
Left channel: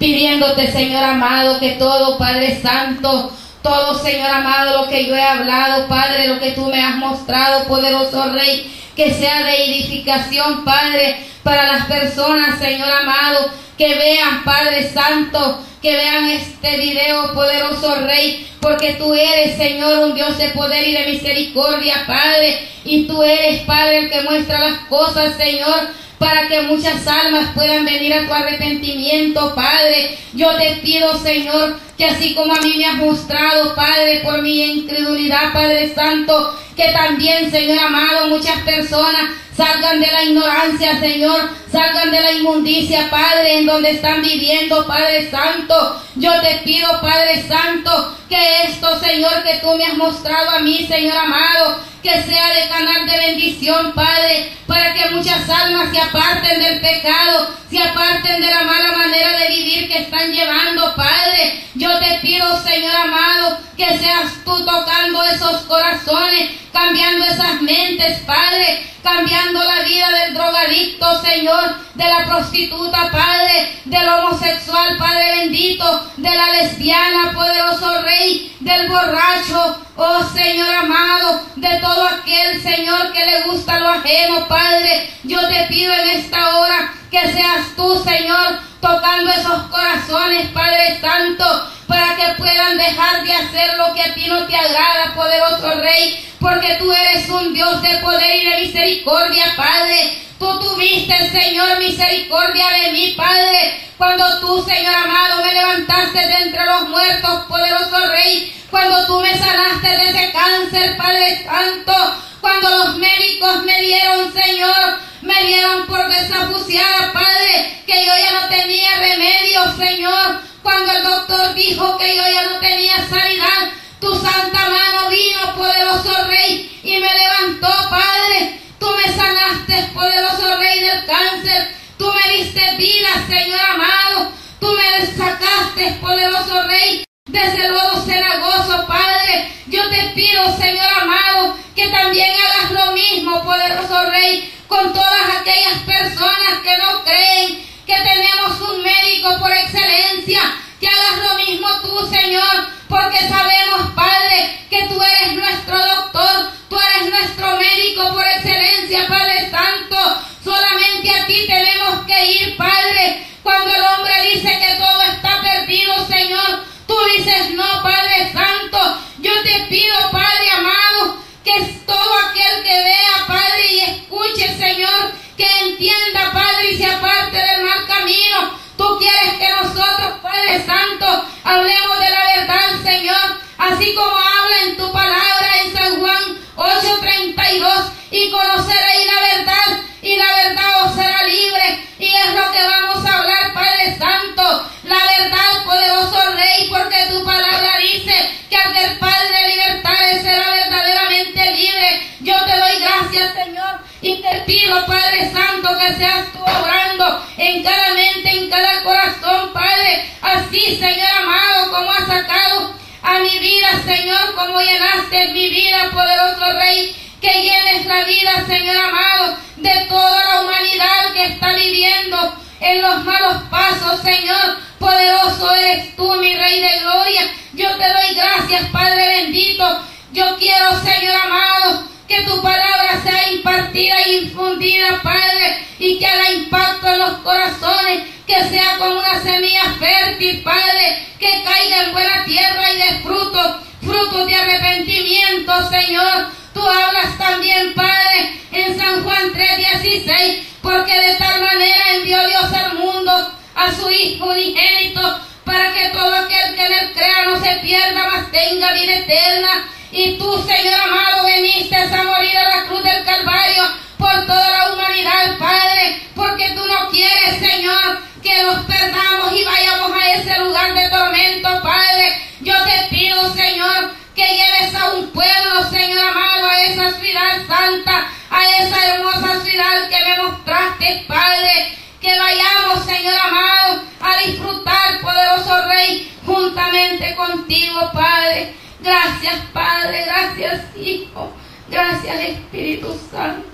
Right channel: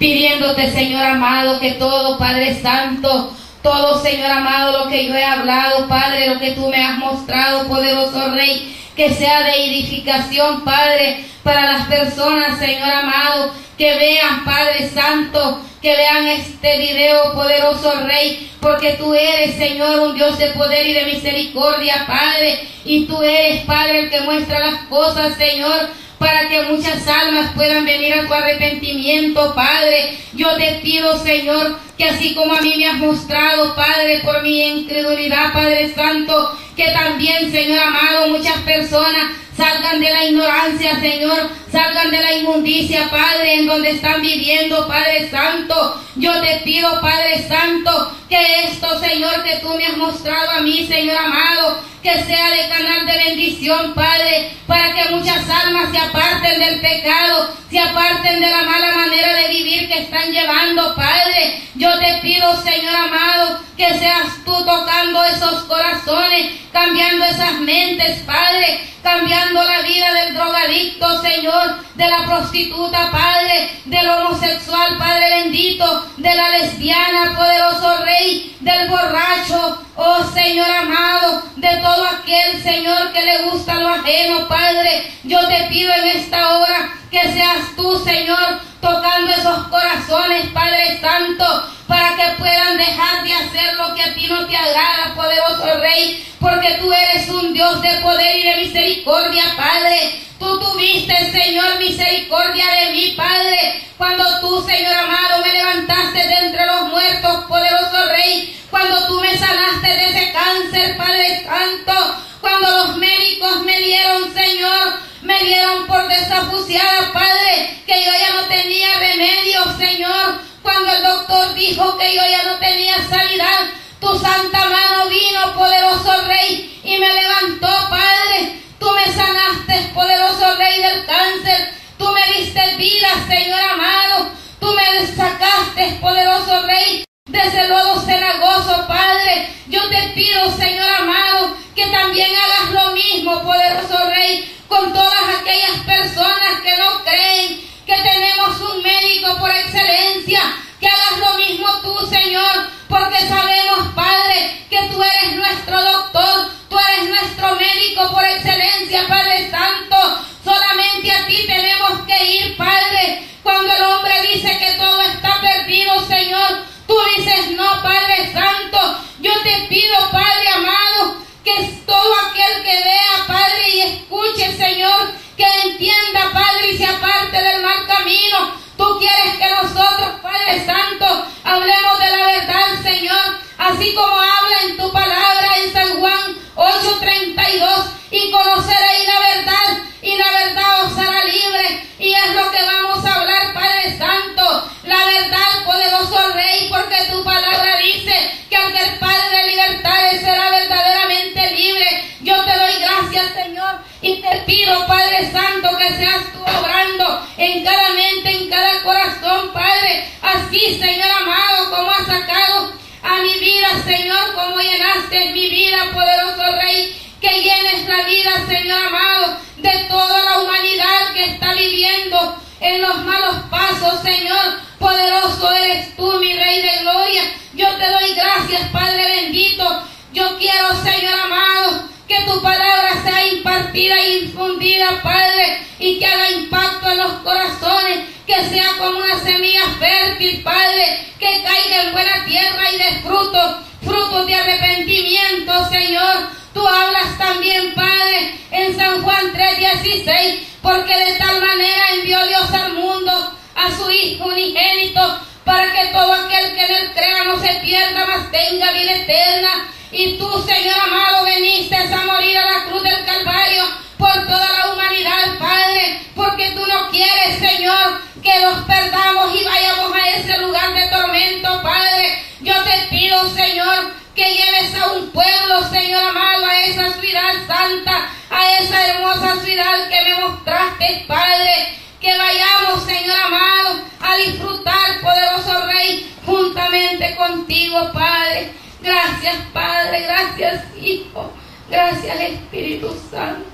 pidiéndote, Señor amado, que todo, Padre Santo, todo, Señor amado, lo que yo he hablado, Padre, lo que tú me has mostrado, poderoso Rey, que sea de edificación, Padre, para las personas, Señor amado, que vean, Padre Santo, que vean este video, poderoso Rey, porque tú eres, Señor, un Dios de poder y de misericordia, Padre, y tú eres, Padre, el que muestra las cosas, Señor, para que muchas almas puedan venir a tu arrepentimiento, Padre. Yo te pido, Señor, que así como a mí me has mostrado, Padre, por mi incredulidad, Padre Santo, que también, Señor amado, muchas personas salgan de la ignorancia, Señor, salgan de la inmundicia, Padre, en donde están viviendo, Padre Santo. Yo te pido, Padre Santo, que esto, Señor, que tú me has mostrado a mí, Señor amado, que sea de canal de bendición, Padre, para que muchas almas se aparten del pecado, se aparten de la mala manera de vivir que están llevando, Padre. Yo te pido, Señor amado, que seas tú tocando esos corazones, cambiando esas mentes, Padre, cambiando la vida del drogadicto, Señor, de la prostituta, Padre, del homosexual, Padre bendito, de la lesbiana, poderoso Rey, del borracho, oh Señor amado, de todo aquel, Señor, que le gusta lo ajeno, Padre. Yo te pido en esta hora que seas tú, Señor, tocando esos corazones, Padre Santo, para que puedan dejar de hacer lo que a ti no te agrada, poderoso Rey, porque tú eres un Dios de poder y de misericordia, Padre. Tú tuviste, Señor, misericordia de mí, Padre, cuando tú, Señor amado, me levantaste de entre los muertos, poderoso Rey, cuando tú me sanaste de ese cáncer, Padre Santo, cuando los médicos me dieron, Señor, me dieron por desahuciada, Padre, que yo ya no tenía remedio, Señor, cuando el doctor dijo que yo ya no tenía sanidad, tu santa mano vino, poderoso Rey, y me levantó, Padre. Tú me sanaste, poderoso Rey, del cáncer. Tú me diste vida, Señor amado. Tú me sacaste, poderoso Rey, de ese lodo cenagoso, Padre. Yo te pido, Señor amado, que también hagas lo mismo, poderoso Rey, con todas aquellas personas que no creen que tenemos un médico por excelencia. Que hagas lo mismo tú, Señor, porque sabemos, Padre, que tú eres nuestro doctor, tú eres nuestro médico por excelencia, Padre Santo. Solamente a ti tenemos que ir, Padre. Cuando el hombre dice que todo está perdido, Señor, tú dices no, Padre Santo. Yo te pido, Padre amado, que todo aquel que vea, Padre, y escuche, Señor, que entienda, Padre, y se aparte del mal camino. Tú quieres que nosotros, Padre Santo, hablemos de la verdad, Señor, así como habla en tu palabra en San Juan 8:32, y conoceréis la verdad, y la verdad os hará libre. Y es lo que vamos a hablar, Padre Santo, la verdad, poderoso Rey, porque tu palabra dice que al que el Padre libertare será verdaderamente libre. Yo te doy gracias, Señor, y te pido, Padre Santo, que seas tú obrando en cada mente, en cada corazón, Padre, así, Señor amado, como has sacado a mi vida, Señor, como llenaste mi vida, poderoso Rey, que llenes la vida, Señor amado, de toda la humanidad que está viviendo en los malos pasos, Señor. Poderoso eres tú, mi Rey de gloria. Yo te doy gracias, Padre bendito. Yo quiero, Señor amado, que tu palabra sea impartida e infundida, Padre, y que haga impacto en los corazones, que sea como una semilla fértil, Padre, que caiga en buena tierra y dé frutos de arrepentimiento, Señor. Tú hablas también, Padre, en San Juan 3:16, porque de tal manera envió Dios al mundo a su Hijo unigénito, para que todo aquel que en él crea no se pierda, mas tenga vida eterna. Y tú, Señor amado, veniste a morir a la cruz del Calvario por toda la humanidad, Padre, porque tú no quieres, Señor, que nos perdamos y vayamos a ese lugar de tormento, Padre. Yo te pido, Señor, que lleves a un pueblo, Señor amado, a esa ciudad santa, a esa hermosa ciudad que me mostraste, Padre. Que vayamos, Señor amado, a disfrutar, poderoso Rey, juntamente contigo, Padre. Gracias, Padre, gracias, Hijo, gracias, Espíritu Santo.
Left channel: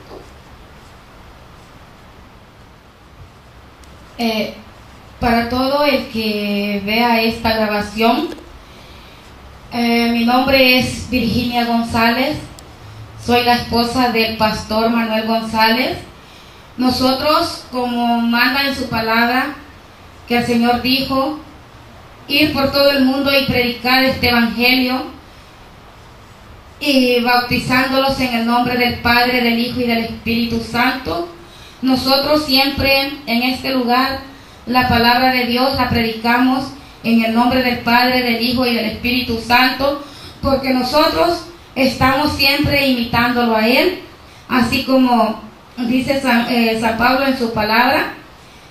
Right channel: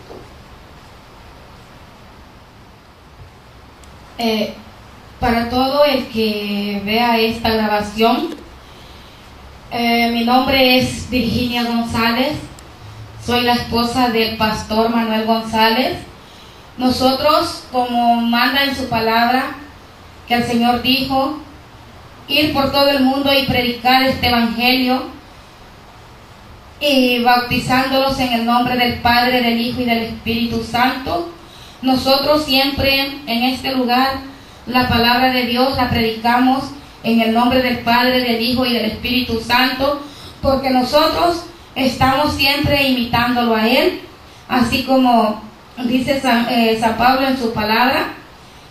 Para todo el que vea esta grabación, mi nombre es Virginia González, soy la esposa del pastor Manuel González. Nosotros, como manda en su palabra, que el Señor dijo, ir por todo el mundo y predicar este evangelio, y bautizándolos en el nombre del Padre, del Hijo y del Espíritu Santo. Nosotros siempre en este lugar la palabra de Dios la predicamos en el nombre del Padre, del Hijo y del Espíritu Santo, porque nosotros estamos siempre imitándolo a Él, así como dice San Pablo en su palabra,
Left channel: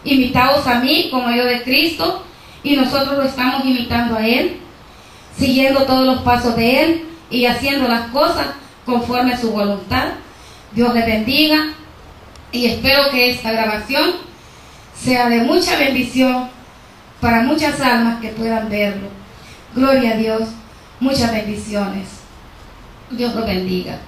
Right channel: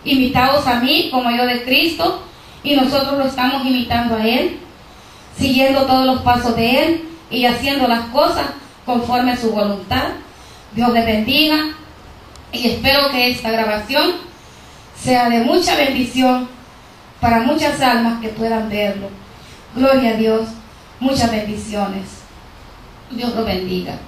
imitaos a mí como yo de Cristo, y nosotros lo estamos imitando a Él, siguiendo todos los pasos de Él y haciendo las cosas conforme a su voluntad. Dios les bendiga y espero que esta grabación sea de mucha bendición para muchas almas que puedan verlo. Gloria a Dios, muchas bendiciones. Dios los bendiga.